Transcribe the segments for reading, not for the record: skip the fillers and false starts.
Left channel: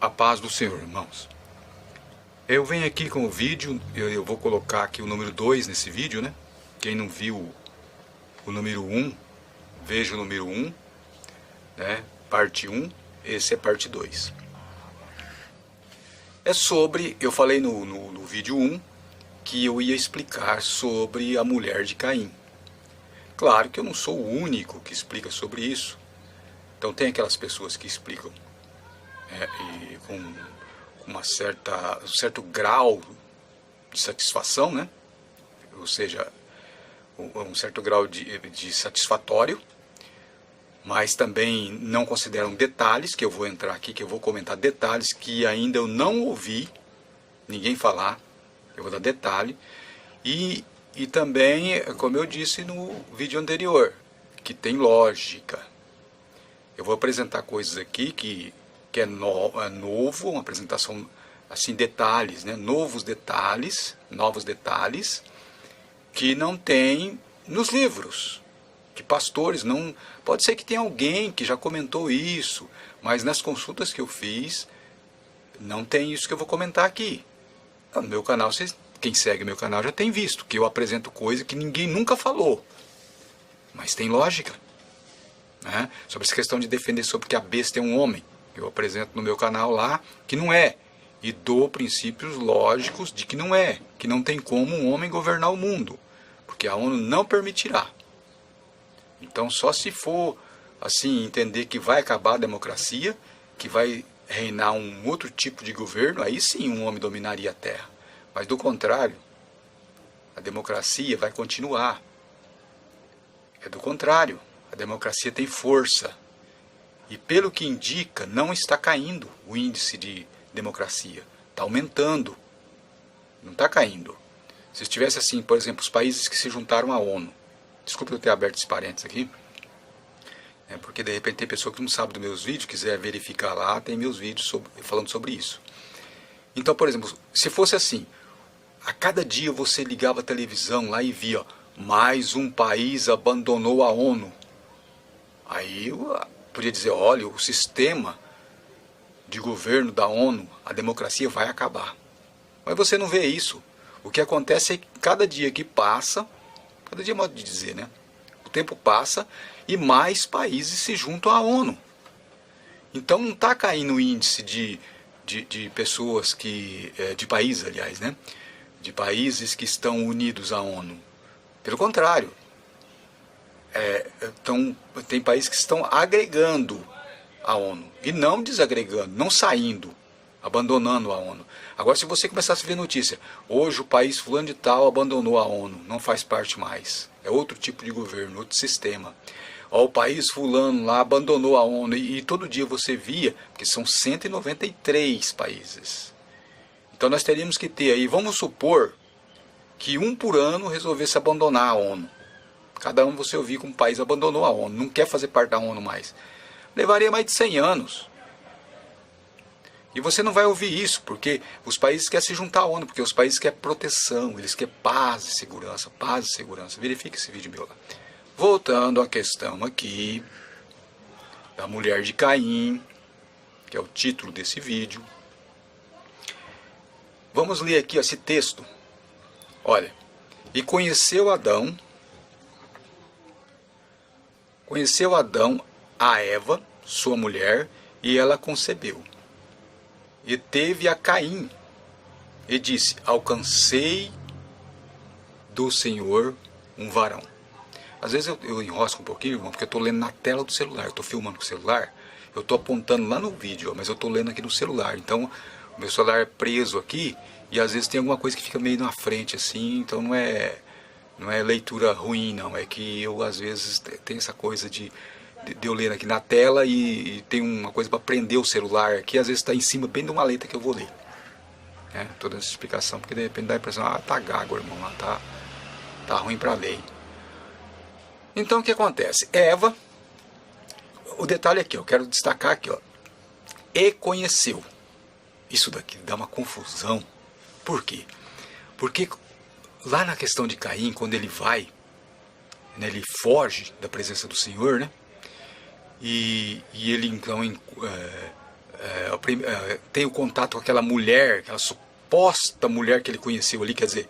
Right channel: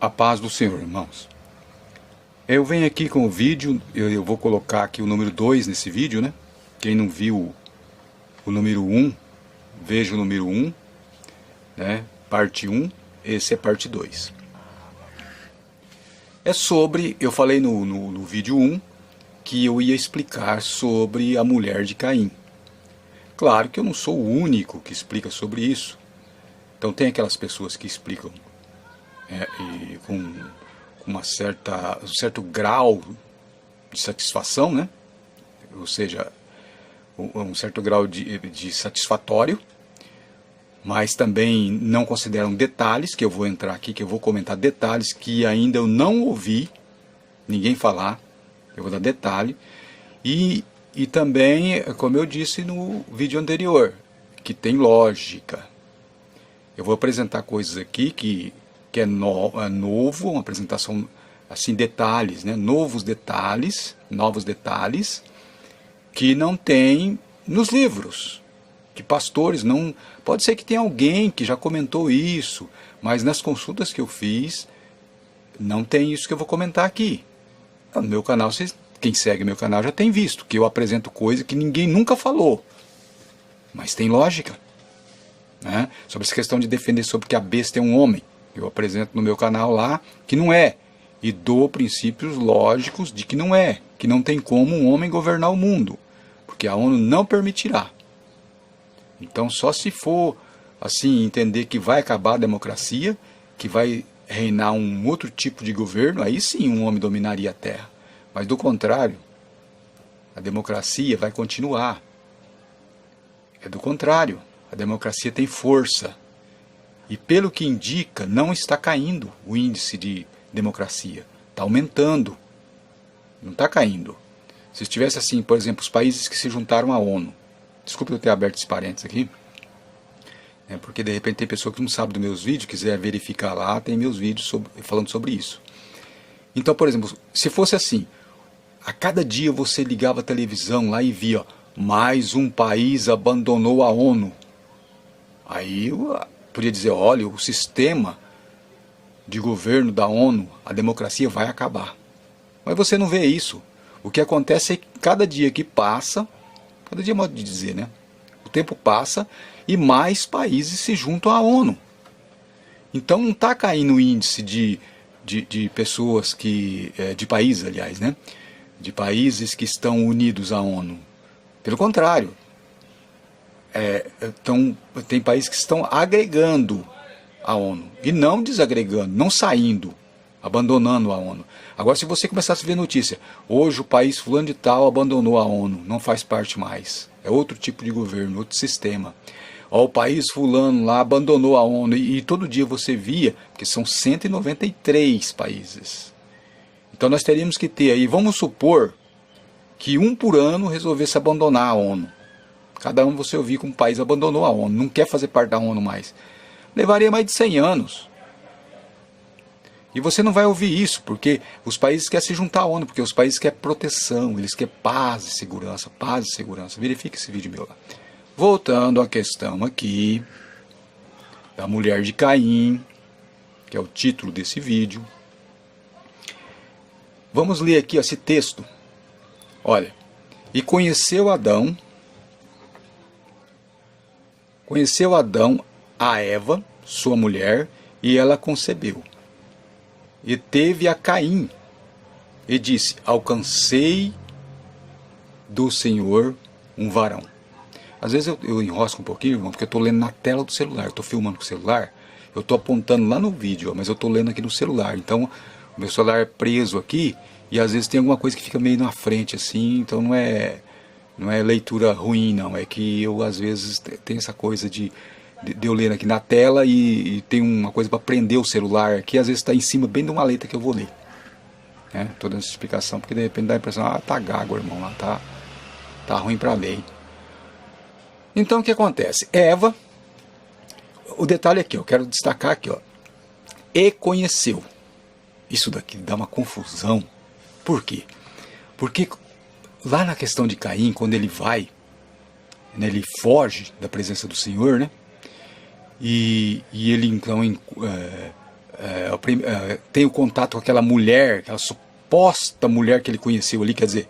A paz do Senhor, irmãos. Eu venho aqui com o vídeo, eu vou colocar aqui o número 2 nesse vídeo, né? Quem não viu o número 1, veja o número 1, né? Parte 1, esse é parte 2. É sobre, eu falei no vídeo 1, que eu ia explicar sobre a mulher de Caim. Claro que eu não sou o único que explica sobre isso. Então tem aquelas pessoas que explicam e com um certo grau de satisfação, né? Ou seja, um certo grau de satisfatório, mas também não consideram detalhes, que eu vou entrar aqui, que eu vou comentar detalhes que ainda eu não ouvi ninguém falar, eu vou dar detalhe, e também, como eu disse no vídeo anterior, que tem lógica. Eu vou apresentar coisas aqui que é novo, uma apresentação assim, detalhes, né? Novos detalhes que não tem nos livros, que pastores não... Pode ser que tenha alguém que já comentou isso, mas nas consultas que eu fiz, não tem isso que eu vou comentar aqui. No meu canal, quem segue meu canal já tem visto, que eu apresento coisa que ninguém nunca falou, mas tem lógica. Né? Sobre essa questão de defender sobre que a besta é um homem, eu apresento no meu canal lá que não é, e dou princípios lógicos de que não tem como um homem governar o mundo, porque a ONU não permitirá. Então só se for assim, entender que vai acabar a democracia, que vai reinar um outro tipo de governo, aí sim um homem dominaria a Terra. Mas do contrário, a democracia vai continuar. É do contrário. A democracia tem força. E pelo que indica, não está caindo o índice de democracia. Está aumentando. Não está caindo. Se estivesse assim, por exemplo, os países que se juntaram à ONU. Desculpe eu ter aberto esse parênteses aqui. Porque de repente tem pessoa que não sabe dos meus vídeos, quiser verificar lá, tem meus vídeos falando sobre isso. Então, por exemplo, se fosse assim, a cada dia você ligava a televisão lá e via, mais um país abandonou a ONU. Aí eu podia dizer, olha, o sistema de governo da ONU, a democracia vai acabar. Mas você não vê isso. O que acontece é que cada dia que passa, cada dia é modo de dizer, né? O tempo passa e mais países se juntam à ONU. Então não está caindo o índice de pessoas que... de países, aliás, né? De países que estão unidos à ONU. Pelo contrário. Tem países que estão agregando a ONU e não desagregando, não saindo, abandonando a ONU. Agora, se você começasse a ver notícia, hoje o país fulano de tal abandonou a ONU, não faz parte mais, é outro tipo de governo, outro sistema. Ó, o país fulano lá abandonou a ONU e todo dia você via, que são 193 países. Então nós teríamos que ter aí, vamos supor que um por ano resolvesse abandonar a ONU. Cada ano você ouvir que um país abandonou a ONU, não quer fazer parte da ONU mais. Levaria mais de 100 anos. E você não vai ouvir isso, porque os países querem se juntar à ONU, porque os países querem proteção, eles querem paz e segurança, paz e segurança. Verifique esse vídeo meu lá. Voltando à questão aqui, da mulher de Caim, que é o título desse vídeo. Vamos ler aqui esse texto. Olha, e conheceu Adão a Eva, sua mulher, e ela concebeu. E teve a Caim, e disse, alcancei do Senhor um varão. Às vezes eu enrosco um pouquinho, irmão, porque eu estou lendo na tela do celular, eu estou filmando com o celular, eu estou apontando lá no vídeo, mas eu estou lendo aqui no celular. Então, o meu celular é preso aqui, e às vezes tem alguma coisa que fica meio na frente, assim, então não é leitura ruim, não. É que eu, às vezes, tenho essa coisa de eu ler aqui na tela e tem uma coisa para prender o celular aqui, às vezes está em cima bem de uma letra que eu vou ler. Estou dando essa explicação, porque de repente dá a impressão, tá gago, irmão, lá tá ruim para ler. Então, o que acontece? Eva, o detalhe aqui, eu quero destacar aqui, ó, e conheceu. Isso daqui dá uma confusão. Por quê? Porque lá na questão de Caim, quando ele vai, né, ele foge da presença do Senhor, né? E ele então tem o contato com aquela mulher, aquela suposta mulher que ele conheceu ali, quer dizer,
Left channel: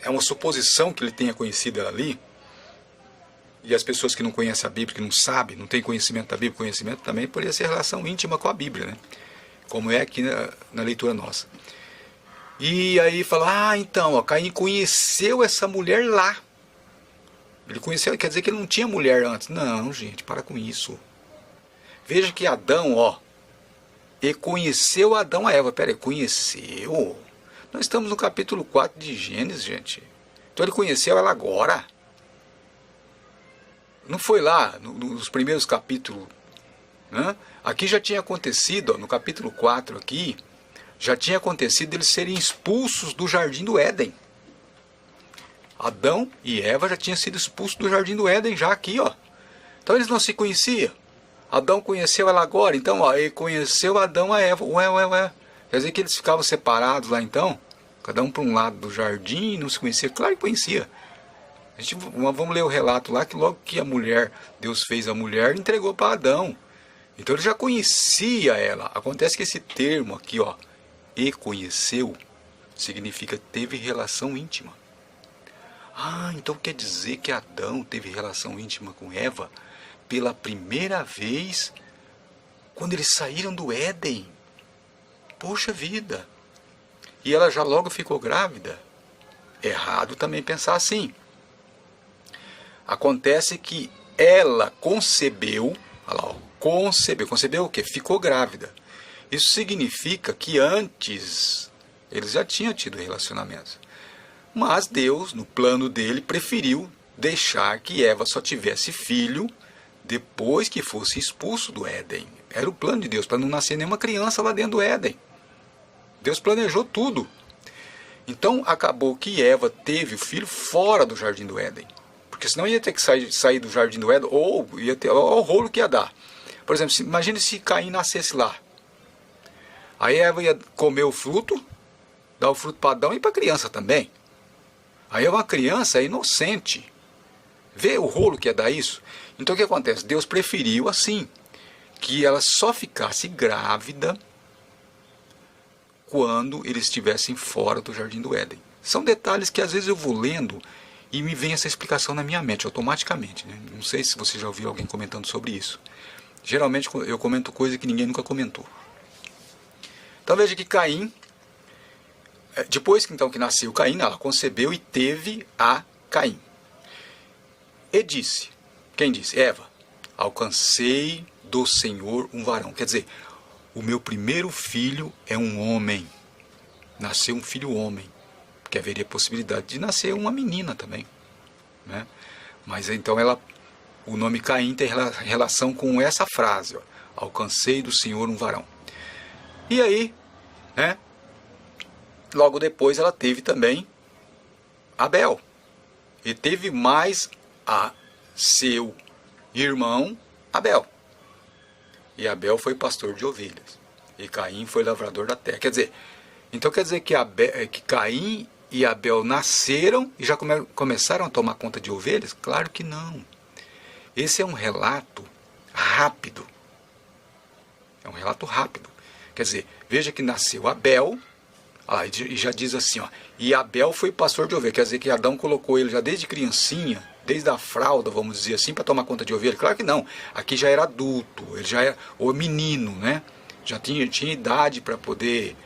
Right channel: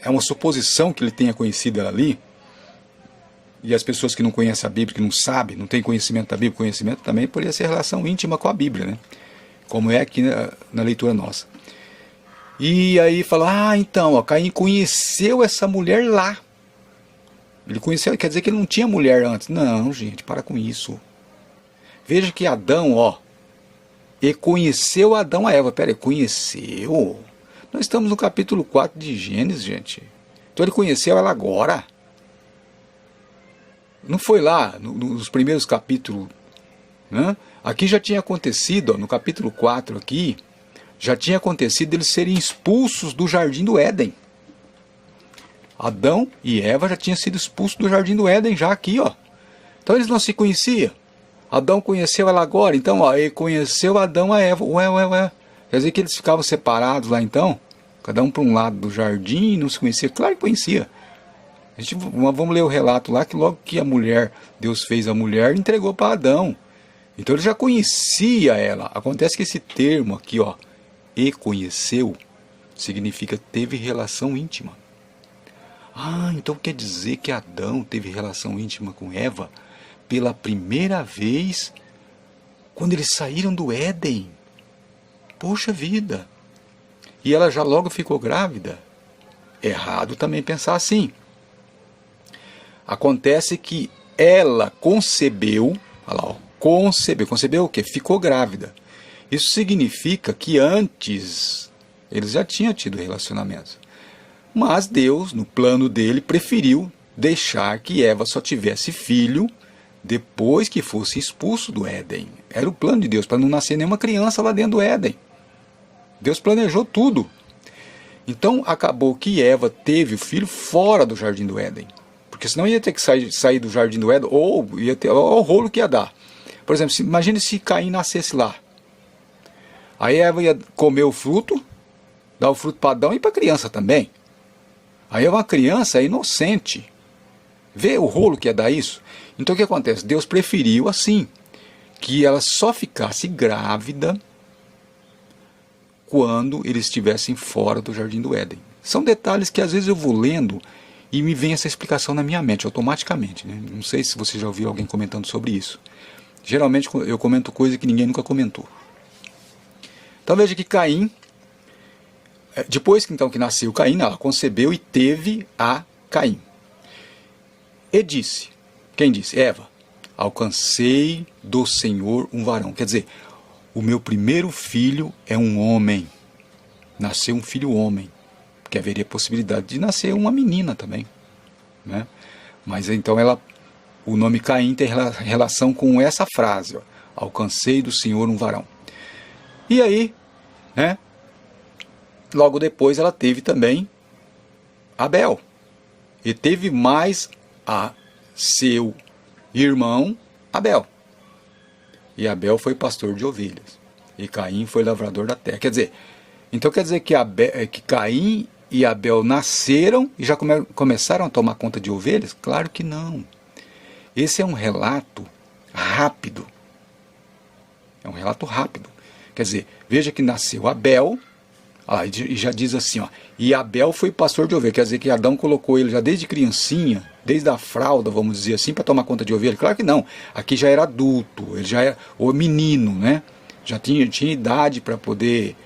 é uma suposição que ele tenha conhecido ela ali, e as pessoas que não conhecem a Bíblia, que não sabem, não têm conhecimento da Bíblia, conhecimento também poderia ser relação íntima com a Bíblia, né? Como é aqui na leitura nossa. E aí fala, então, ó, Caim conheceu essa mulher lá. Ele conheceu, quer dizer que ele não tinha mulher antes. Não, gente, para com isso. Veja que Adão, ó, e conheceu Adão a Eva. Pera aí, conheceu? Nós estamos no capítulo 4 de Gênesis, gente. Então ele conheceu ela agora. Não foi lá, nos primeiros capítulos, né? Aqui já tinha acontecido, ó, no capítulo 4 aqui, já tinha acontecido eles serem expulsos do jardim do Éden. Adão e Eva já tinham sido expulsos do jardim do Éden, já aqui, ó. Então eles não se conheciam. Adão conheceu ela agora, então, ó, ele conheceu Adão a Eva. Ué. Quer dizer que eles ficavam separados lá então? Cada um para um lado do jardim, não se conhecia? Claro que conhecia. Vamos ler o relato lá, que logo que a mulher, Deus fez a mulher, entregou para Adão. Então ele já conhecia ela. Acontece que esse termo aqui, ó, e conheceu, significa teve relação íntima. Então quer dizer que Adão teve relação íntima com Eva pela primeira vez quando eles saíram do Éden. Poxa vida! E ela já logo ficou grávida? Errado também pensar assim. Acontece que ela concebeu, olha lá, ó, concebeu o quê? Ficou grávida. Isso significa que antes eles já tinham tido relacionamentos. Mas Deus, no plano dele, preferiu deixar que Eva só tivesse filho depois que fosse expulso do Éden. Era o plano de Deus, para não nascer nenhuma criança lá dentro do Éden. Deus planejou tudo. Então acabou que Eva teve o filho fora do jardim do Éden. Porque senão ia ter que sair do jardim do Éden, ou ia ter o rolo que ia dar. Por exemplo, imagine se Caim nascesse lá. Aí Eva ia comer o fruto, dar o fruto para Adão e para a criança também. Aí uma criança é inocente. Vê o rolo que ia dar isso? Então o que acontece? Deus preferiu assim, que ela só ficasse grávida quando eles estivessem fora do jardim do Éden. São detalhes que às vezes eu vou lendo e me vem essa explicação na minha mente, automaticamente, né? Não sei se você já ouviu alguém comentando sobre isso. Geralmente eu comento coisa que ninguém nunca comentou. Então veja que Caim, depois que nasceu Caim, ela concebeu e teve a Caim. E disse, quem disse? Eva, alcancei do Senhor um varão. Quer dizer, o meu primeiro filho é um homem. Nasceu um filho homem. Porque haveria possibilidade de nascer uma menina também, né? Mas então o nome Caim tem relação com essa frase, ó, alcancei do Senhor um varão. E aí, né, logo depois ela teve também Abel. E teve mais a seu irmão Abel. E Abel foi pastor de ovelhas. E Caim foi lavrador da terra. Quer dizer que Caim e Abel nasceram e já começaram a tomar conta de ovelhas? Claro que não. Esse é um relato rápido. É um relato rápido. Quer dizer, veja que nasceu Abel, e já diz assim, ó, e Abel foi pastor de ovelhas. Quer dizer que Adão colocou ele já desde criancinha, desde a fralda, vamos dizer assim, para tomar conta de ovelha? Claro que não. Aqui já era adulto, ele já era o menino, né? Já tinha idade para poder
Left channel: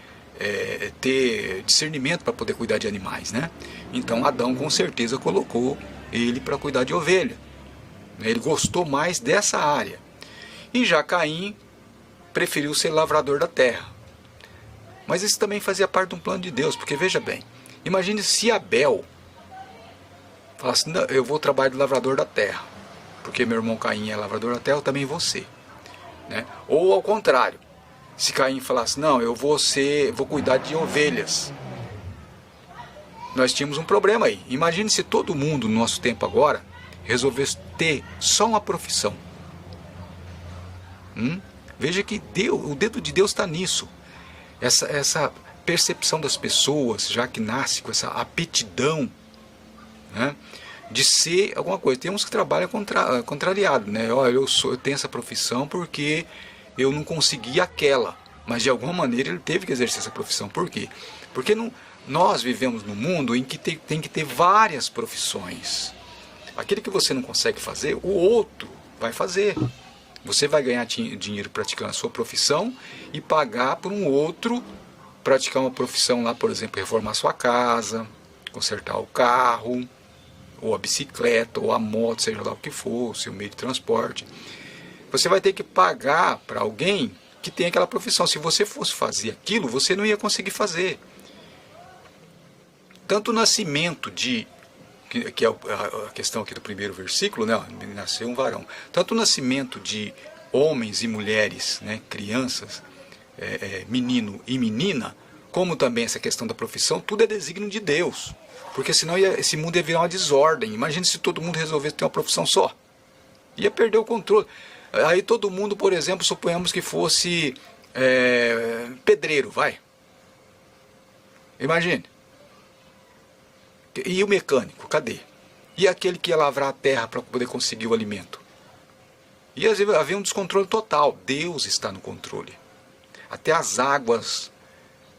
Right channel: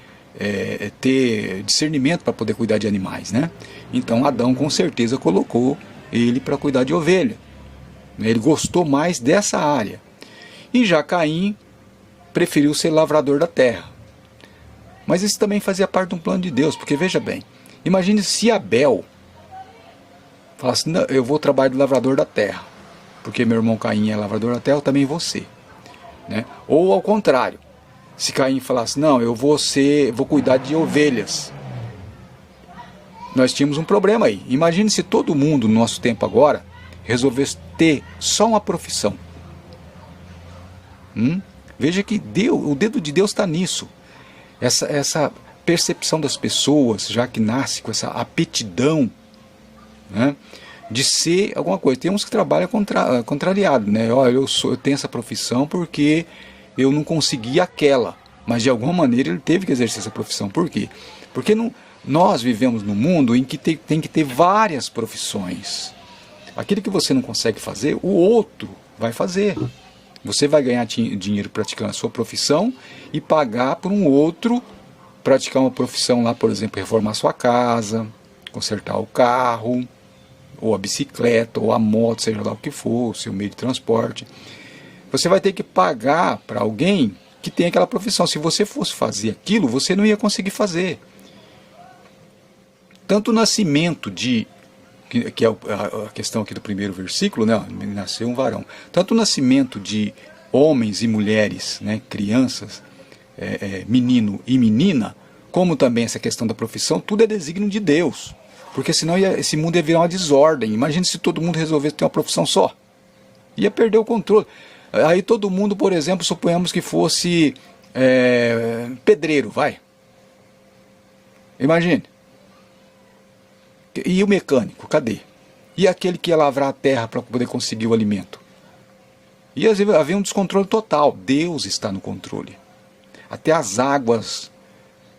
ter discernimento para poder cuidar de animais, né? Então Adão com certeza colocou ele para cuidar de ovelha. Ele gostou mais dessa área. E já Caim preferiu ser lavrador da terra. Mas isso também fazia parte de um plano de Deus, porque veja bem, imagine se Abel falasse, não, eu vou trabalhar de lavrador da terra, porque meu irmão Caim é lavrador da terra, eu também vou ser, né? Ou ao contrário, se Caim falasse, não, eu vou cuidar de ovelhas. Nós tínhamos um problema aí. Imagine se todo mundo no nosso tempo agora resolvesse ter só uma profissão. Veja que o dedo de Deus está nisso. Essa percepção das pessoas, já que nasce com essa aptidão, né, de ser alguma coisa. Tem uns que trabalham contrariado, né? Olha, eu tenho essa profissão porque eu não consegui aquela. mas de alguma maneira ele teve que exercer essa profissão. Por quê? Porque nós vivemos num mundo em que tem que ter várias profissões. Aquilo que você não consegue fazer, o outro vai fazer. Você vai ganhar dinheiro praticando a sua profissão e pagar por um outro praticar uma profissão lá, por exemplo, reformar sua casa, consertar o carro, ou a bicicleta, ou a moto, seja lá o que for, o seu meio de transporte. Você vai ter que pagar para alguém que tem aquela profissão. Se você fosse fazer aquilo, você não ia conseguir fazer. Tanto o nascimento que é a questão aqui do primeiro versículo, né? Nasceu um varão. Tanto o nascimento de homens e mulheres, né? Crianças, menino e menina, como também essa questão da profissão, tudo é desígnio de Deus. Porque senão esse mundo ia virar uma desordem. Imagine se todo mundo resolvesse ter uma profissão só. Ia perder o controle. Aí todo mundo, por exemplo, suponhamos que fosse pedreiro, vai. Imagine. E o mecânico, cadê? E aquele que ia lavrar a terra para poder conseguir o alimento? E havia um descontrole total. Deus está no controle. Até as águas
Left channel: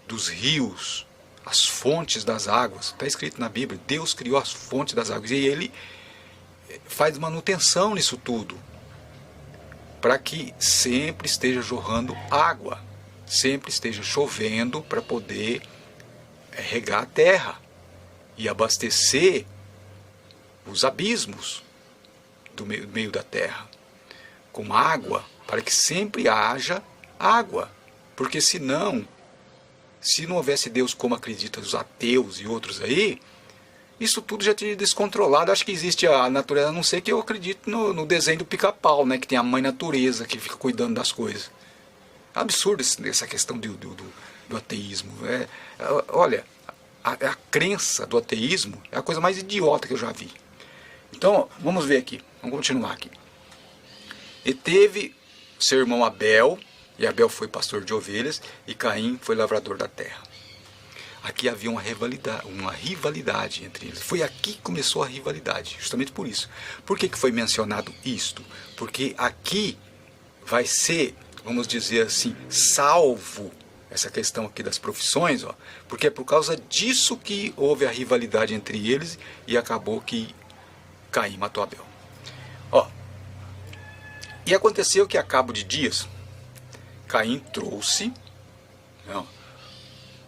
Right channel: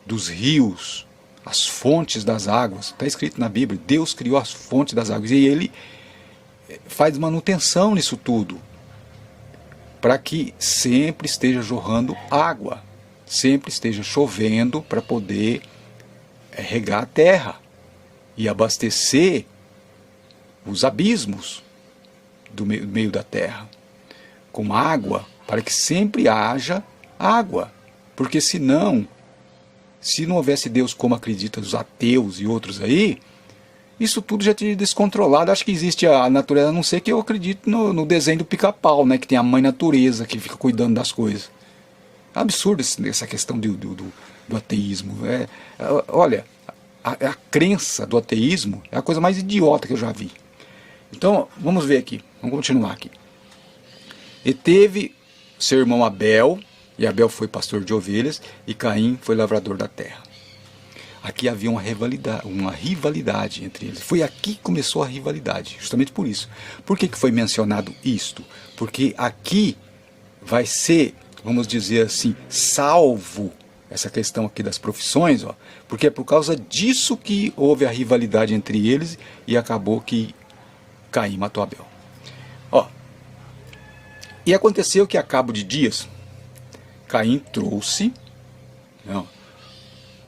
dos rios, as fontes das águas, está escrito na Bíblia, Deus criou as fontes das águas. E Ele faz manutenção nisso tudo, para que sempre esteja jorrando água, sempre esteja chovendo para poder regar a terra e abastecer os abismos do meio da terra com água, para que sempre haja água. Porque senão, se não houvesse Deus como acreditam os ateus e outros aí, isso tudo já teria descontrolado. Acho que existe a natureza, a não ser que eu acredito no desenho do Pica-Pau, né, que tem a mãe natureza que fica cuidando das coisas. É absurdo essa questão do ateísmo. Olha, a crença do ateísmo é a coisa mais idiota que eu já vi. Então, vamos ver aqui, vamos continuar aqui. E teve seu irmão Abel, e Abel foi pastor de ovelhas, e Caim foi lavrador da terra. Aqui havia uma rivalidade entre eles. Foi aqui que começou a rivalidade, justamente por isso. Por que foi mencionado isto? Porque aqui vai ser, vamos dizer assim, salvo essa questão aqui das profissões, ó, porque é por causa disso que houve a rivalidade entre eles e acabou que Caim matou Abel. Ó, e aconteceu que a cabo de dias, Caim trouxe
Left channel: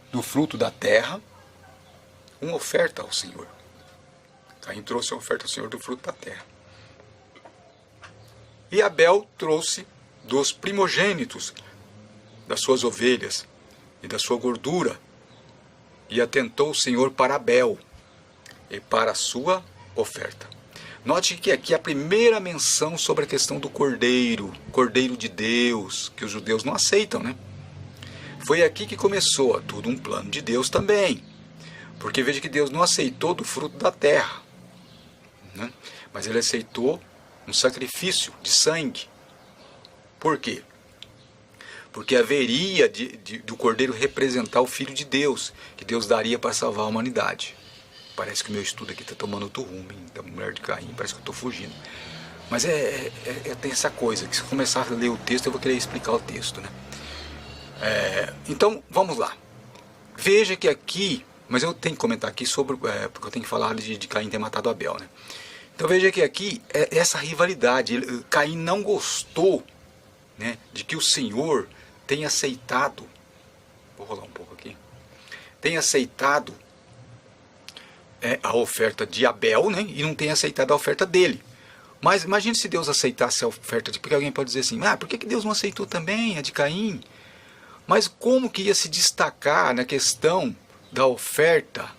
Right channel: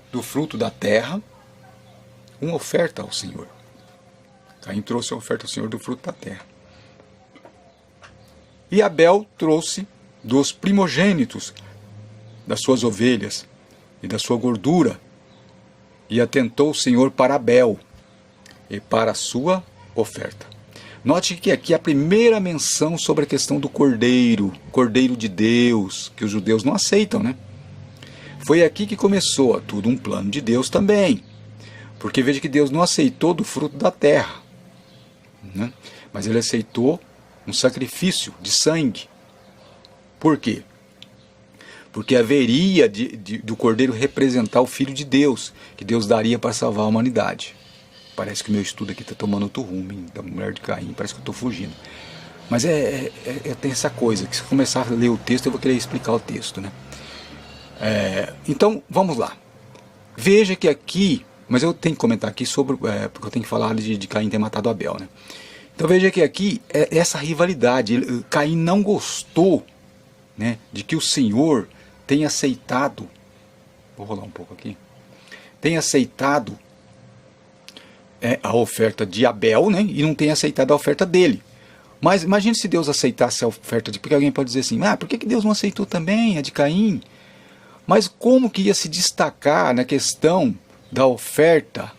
do fruto da terra uma oferta ao Senhor. Caim trouxe uma oferta ao Senhor do fruto da terra. E Abel trouxe dos primogênitos das suas ovelhas e da sua gordura. E atentou o Senhor para Abel e para a sua oferta. Note que aqui é a primeira menção sobre a questão do cordeiro de Deus, que os judeus não aceitam, né? Foi aqui que começou tudo um plano de Deus também. Porque veja que Deus não aceitou do fruto da terra, né? Mas Ele aceitou um sacrifício de sangue. Por quê? Porque haveria do cordeiro representar o Filho de Deus, que Deus daria para salvar a humanidade. Parece que o meu estudo aqui está tomando outro rumo, hein? Da mulher de Caim, parece que eu estou fugindo. Mas tem essa coisa, que se eu começar a ler o texto, eu vou querer explicar o texto, né? Então, vamos lá. Veja que aqui, mas eu tenho que comentar aqui sobre, porque eu tenho que falar de Caim ter matado Abel, né? Então veja que aqui, essa rivalidade, Caim não gostou, né, de que o Senhor tenha aceitado, vou rolar um pouco aqui, tenha aceitado a oferta de Abel, né, e não tenha aceitado a oferta dele. Mas imagine se Deus aceitasse a oferta de... Porque alguém pode dizer assim, por que Deus não aceitou também a de Caim? Mas como que ia se destacar na questão da oferta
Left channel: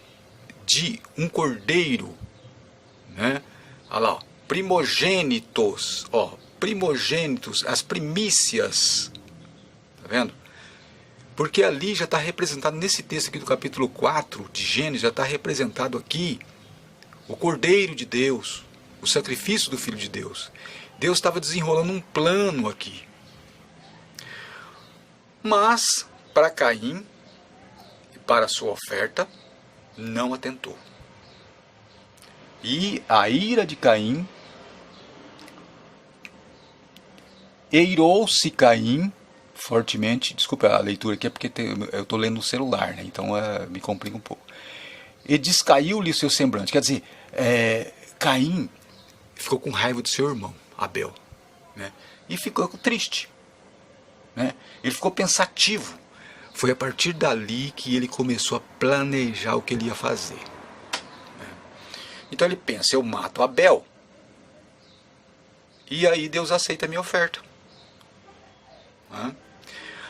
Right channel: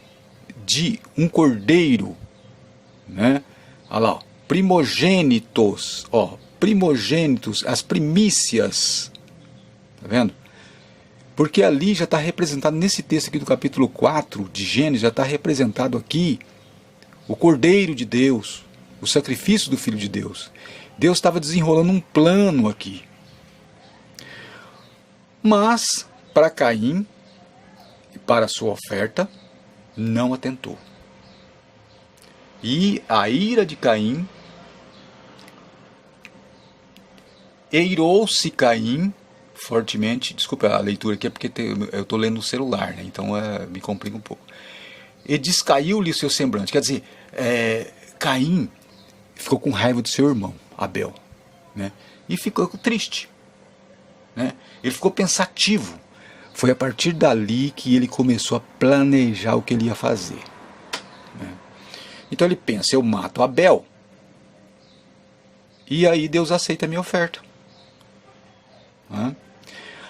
de um cordeiro, né? Olha lá, ó, primogênitos, as primícias, tá vendo? Porque ali já está representado, nesse texto aqui do capítulo 4 de Gênesis, já está representado aqui o Cordeiro de Deus, o sacrifício do Filho de Deus. Deus estava desenrolando um plano aqui. Mas, para Caim, e para a sua oferta, não atentou. E a ira de Caim, eirou-se Caim, fortemente, desculpa a leitura aqui, é porque eu estou lendo no celular, né? Então me complica um pouco. E descaiu-lhe o seu semblante, quer dizer, Caim ficou com raiva do seu irmão, Abel, né? E ficou triste, né? Ele ficou pensativo. Foi a partir dali que ele começou a planejar o que ele ia fazer, né? Então ele pensa, eu mato Abel, e aí Deus aceita a minha oferta, né?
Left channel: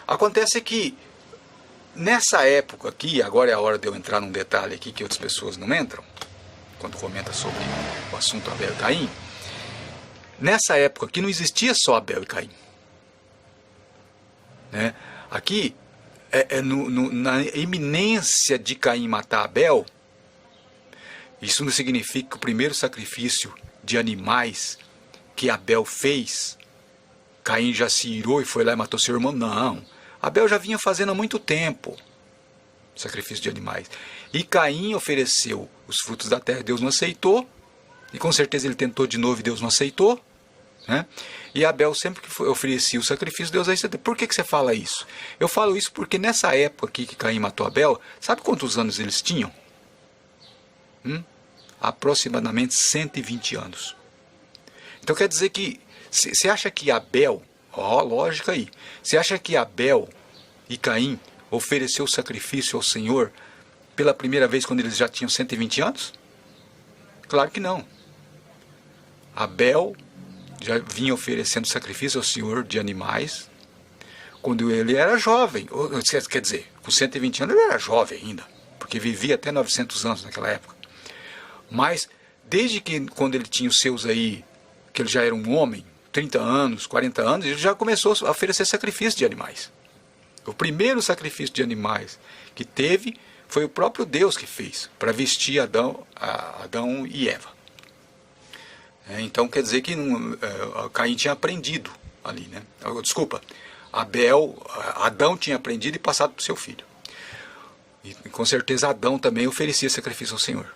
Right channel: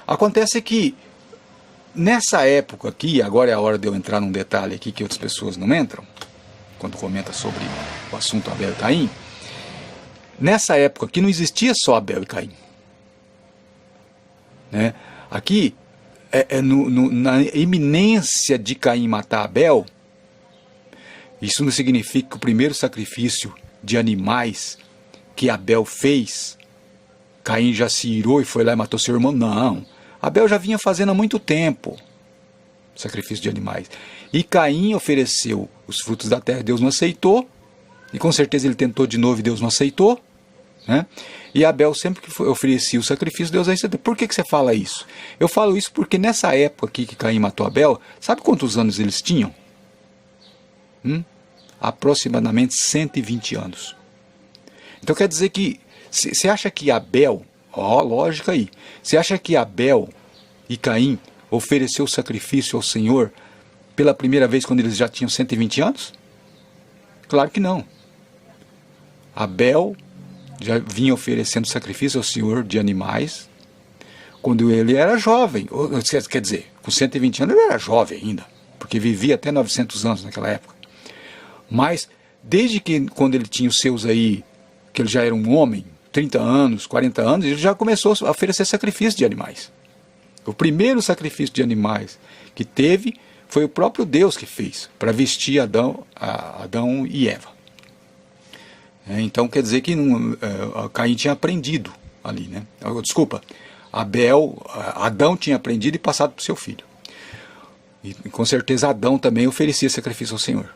Acontece que nessa época aqui, agora é a hora de eu entrar num detalhe aqui que outras pessoas não entram, quando comenta sobre o assunto Abel e Caim. Nessa época aqui não existia só Abel e Caim, né? Aqui, na iminência de Caim matar Abel, isso não significa que o primeiro sacrifício de animais que Abel fez, Caim já se irou e foi lá e matou seu irmão. Não, Abel já vinha fazendo há muito tempo sacrifício de animais. E Caim ofereceu os frutos da terra, Deus não aceitou, e com certeza ele tentou de novo e Deus não aceitou, né? E Abel sempre que oferecia o sacrifício, Deus aceitou. Por que você fala isso? Eu falo isso porque nessa época aqui que Caim matou Abel, sabe quantos anos eles tinham? Aproximadamente 120 anos. Então quer dizer que, você acha que Abel, lógica aí, você acha que Abel e Caim ofereceu o sacrifício ao Senhor pela primeira vez quando eles já tinham 120 anos? Claro que não. Abel já vinha oferecendo sacrifício ao Senhor de animais quando ele era jovem. Quer dizer, com 120 anos ele era jovem ainda, porque vivia até 900 anos naquela época. Mas desde que quando ele tinha os seus aí, que ele já era um homem, 30 anos, 40 anos, ele já começou a oferecer sacrifício de animais. O primeiro sacrifício de animais que teve foi o próprio Deus que fez, para vestir Adão e Eva. Então quer dizer que Caim tinha aprendido ali, né? Desculpa, Adão tinha aprendido e passado para o seu filho. E com certeza Adão também oferecia sacrifício ao Senhor.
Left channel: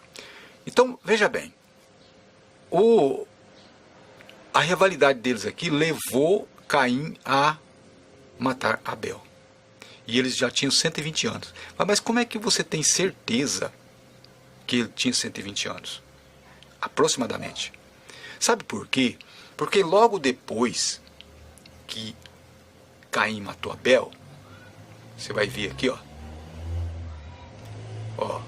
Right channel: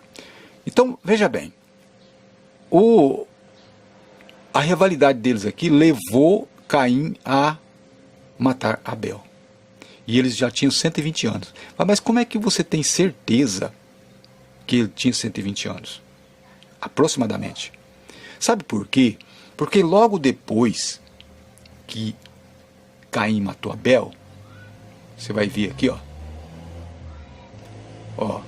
Então, veja bem, a rivalidade deles aqui levou Caim a matar Abel. E eles já tinham 120 anos. Mas como é que você tem certeza que ele tinha 120 anos? Aproximadamente. Sabe por quê? Porque logo depois que Caim matou Abel, você vai ver aqui, ó.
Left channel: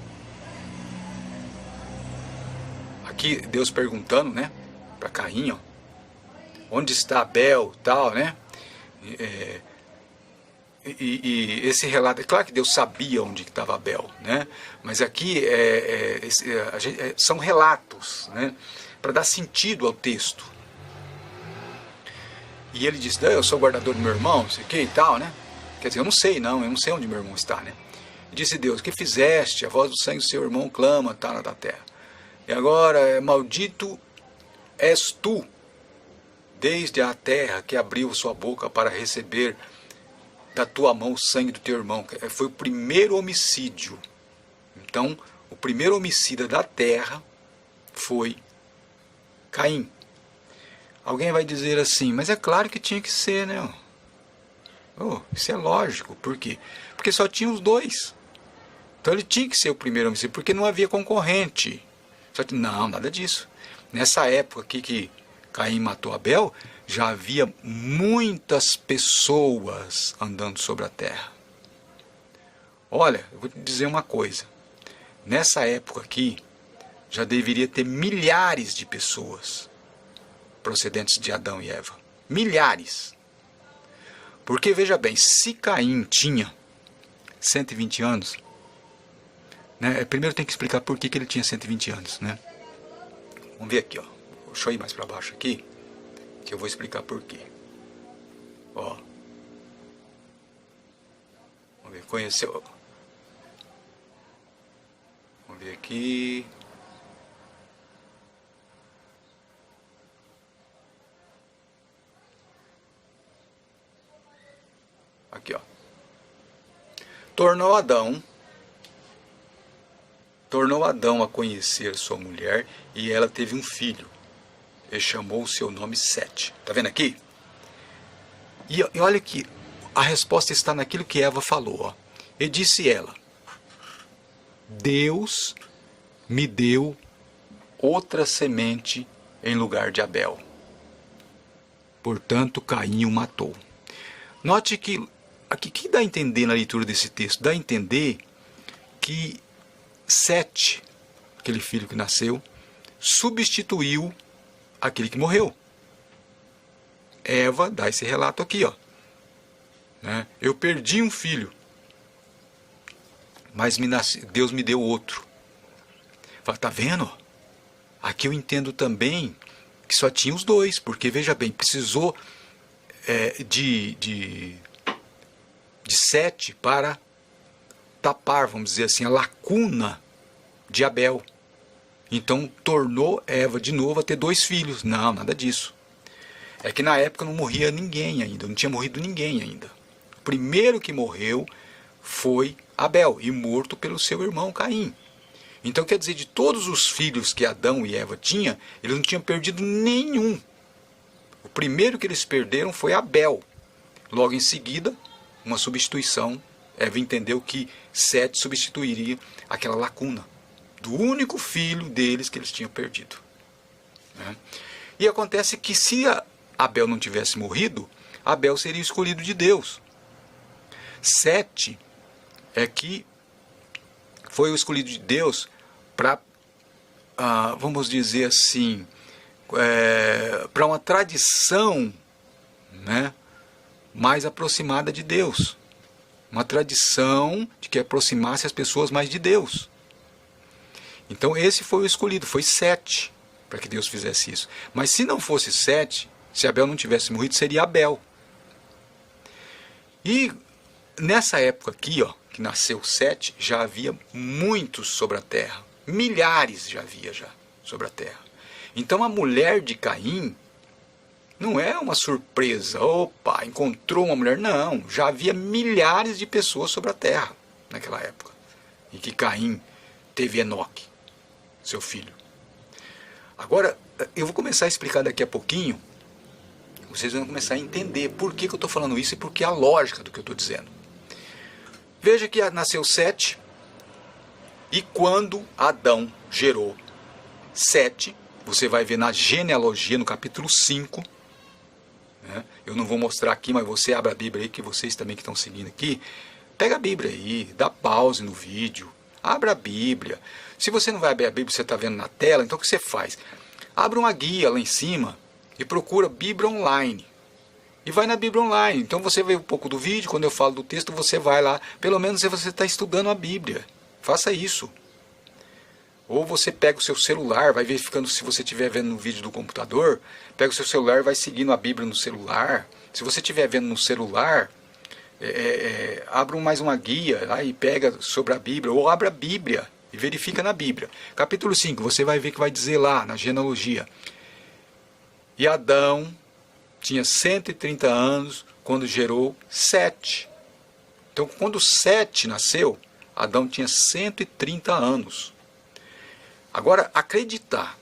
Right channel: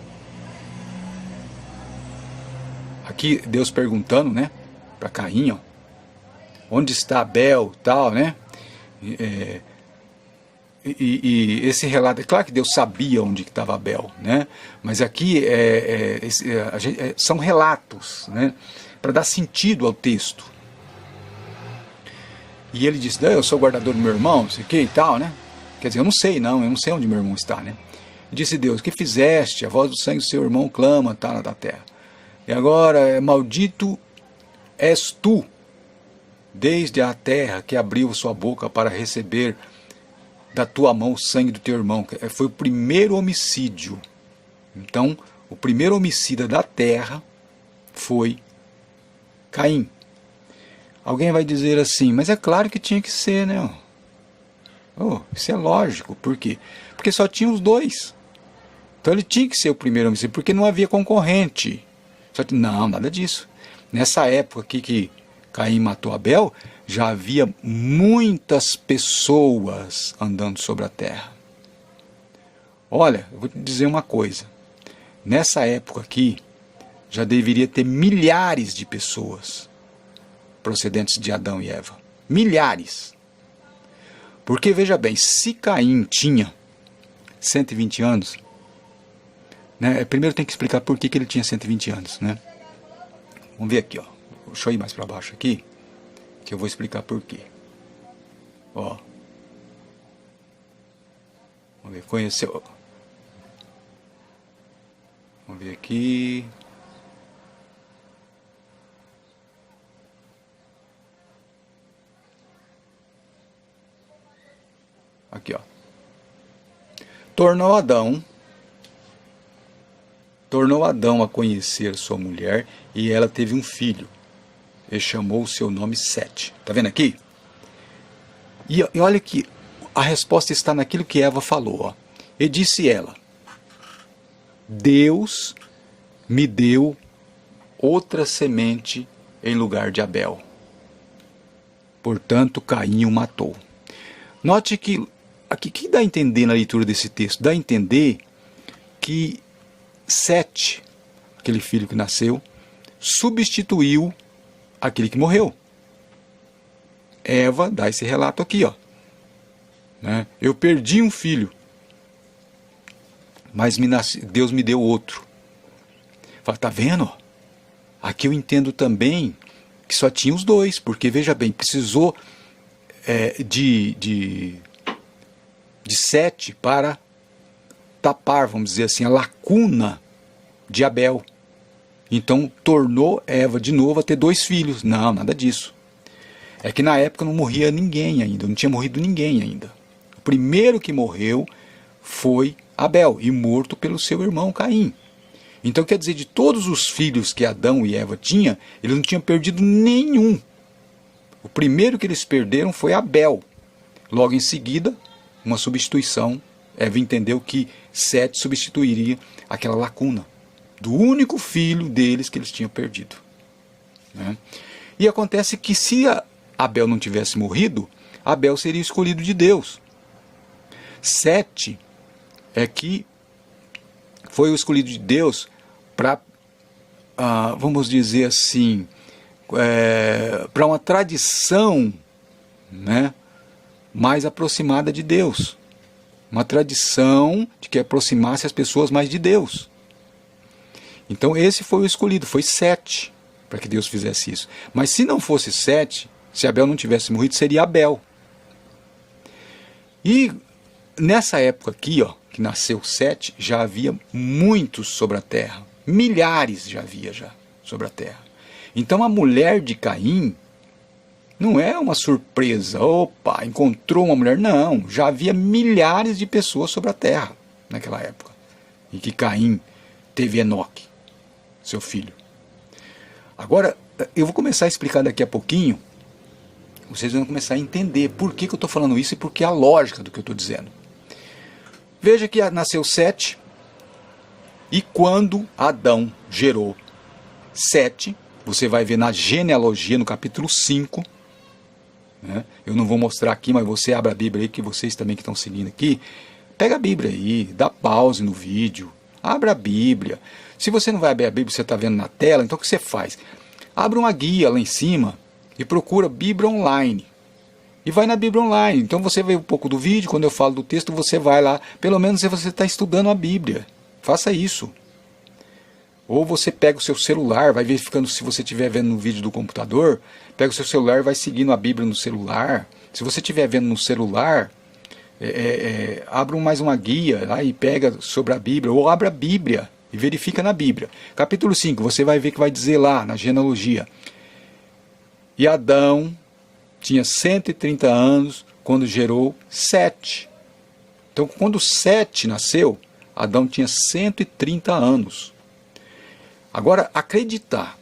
Aqui Deus perguntando, né, para Caim, ó, onde está Abel, tal, né? E esse relato, é claro que Deus sabia onde estava Abel, né? Mas aqui são relatos, né, para dar sentido ao texto. E ele disse, eu sou guardador do meu irmão, não sei o que e tal, né? Quer dizer, eu não sei onde meu irmão está, né? E disse Deus, que fizeste? A voz do sangue do seu irmão clama, tá na terra. E agora, maldito és tu, desde a terra que abriu sua boca para receber da tua mão o sangue do teu irmão. Foi o primeiro homicídio. Então, o primeiro homicida da terra foi Caim. Alguém vai dizer assim, mas é claro que tinha que ser, né? Isso é lógico. Por quê? Porque só tinha os dois. Então ele tinha que ser o primeiro homicídio, porque não havia concorrente. Não, nada disso. Nessa época aqui que Caim matou Abel, já havia muitas pessoas andando sobre a terra. Olha, eu vou te dizer uma coisa. Nessa época aqui, já deveria ter milhares de pessoas procedentes de Adão e Eva. Milhares. Porque, veja bem, se Caim tinha 120 anos, né, primeiro tem que explicar por que ele tinha 120 anos, né? Vamos ver aqui, ó. Deixa eu ir mais para baixo aqui, que eu vou explicar por quê. Ó. Vamos ver, conheceu. Vamos ver aqui. Aqui, ó. Tornou Adão a conhecer sua mulher, e ela teve um filho. Ele chamou o seu nome Sete. Tá vendo aqui? E olha que a resposta está naquilo que Eva falou. Ó. E disse ela: Deus me deu outra semente em lugar de Abel. Portanto, Caim o matou. Note que aqui que dá a entender na leitura desse texto? Dá a entender que Sete, aquele filho que nasceu, substituiu aquele que morreu. Eva dá esse relato aqui, ó. Né? Eu perdi um filho, mas Deus me deu outro. Fala, tá vendo? Aqui eu entendo também que só tinha os dois, porque veja bem, precisou de Sete para tapar, vamos dizer assim, a lacuna de Abel. Então tornou Eva de novo a ter dois filhos. Não, nada disso. É que na época não morria ninguém ainda, não tinha morrido ninguém ainda. O primeiro que morreu foi Abel, e morto pelo seu irmão Caim. Então quer dizer, de todos os filhos que Adão e Eva tinham, eles não tinham perdido nenhum. O primeiro que eles perderam foi Abel. Logo em seguida, uma substituição. Eva entendeu que Sete substituiria aquela lacuna do único filho deles que eles tinham perdido. Né? E acontece que se Abel não tivesse morrido, Abel seria escolhido de Deus. Sete é que foi o escolhido de Deus para, vamos dizer assim, para uma tradição, né, mais aproximada de Deus. Uma tradição de que aproximasse as pessoas mais de Deus. Então esse foi o escolhido, foi Sete, para que Deus fizesse isso. Mas se não fosse Sete, se Abel não tivesse morrido, seria Abel. E nessa época aqui, ó, que nasceu Sete, já havia muitos sobre a terra. Milhares já havia sobre a terra. Então a mulher de Caim não é uma surpresa. Opa, encontrou uma mulher. Não, já havia milhares de pessoas sobre a terra naquela época. Em que Caim teve Enoque, seu filho. Agora, eu vou começar a explicar daqui a pouquinho. Vocês vão começar a entender por que eu estou falando isso e por que a lógica do que eu estou dizendo. Veja que nasceu Sete, e quando Adão gerou Sete, você vai ver na genealogia, no capítulo 5, né? Eu não vou mostrar aqui, mas você abre a Bíblia aí, que vocês também que estão seguindo aqui, pega a Bíblia aí, dá pause no vídeo, abra a Bíblia. Se você não vai abrir a Bíblia, você está vendo na tela, então o que você faz? Abre uma guia lá em cima e procura Bíblia Online. E vai na Bíblia Online. Então você vê um pouco do vídeo, quando eu falo do texto, você vai lá. Pelo menos se você está estudando a Bíblia. Faça isso. Ou você pega o seu celular, vai verificando se você estiver vendo no vídeo do computador, pega o seu celular e vai seguindo a Bíblia no celular. Se você estiver vendo no celular, abra mais uma guia lá e pega sobre a Bíblia, ou abra a Bíblia e verifica na Bíblia. Capítulo 5, você vai ver que vai dizer lá, na genealogia. E Adão tinha 130 anos quando gerou Sete. Então, quando Sete nasceu, Adão tinha 130 anos. Agora, acreditar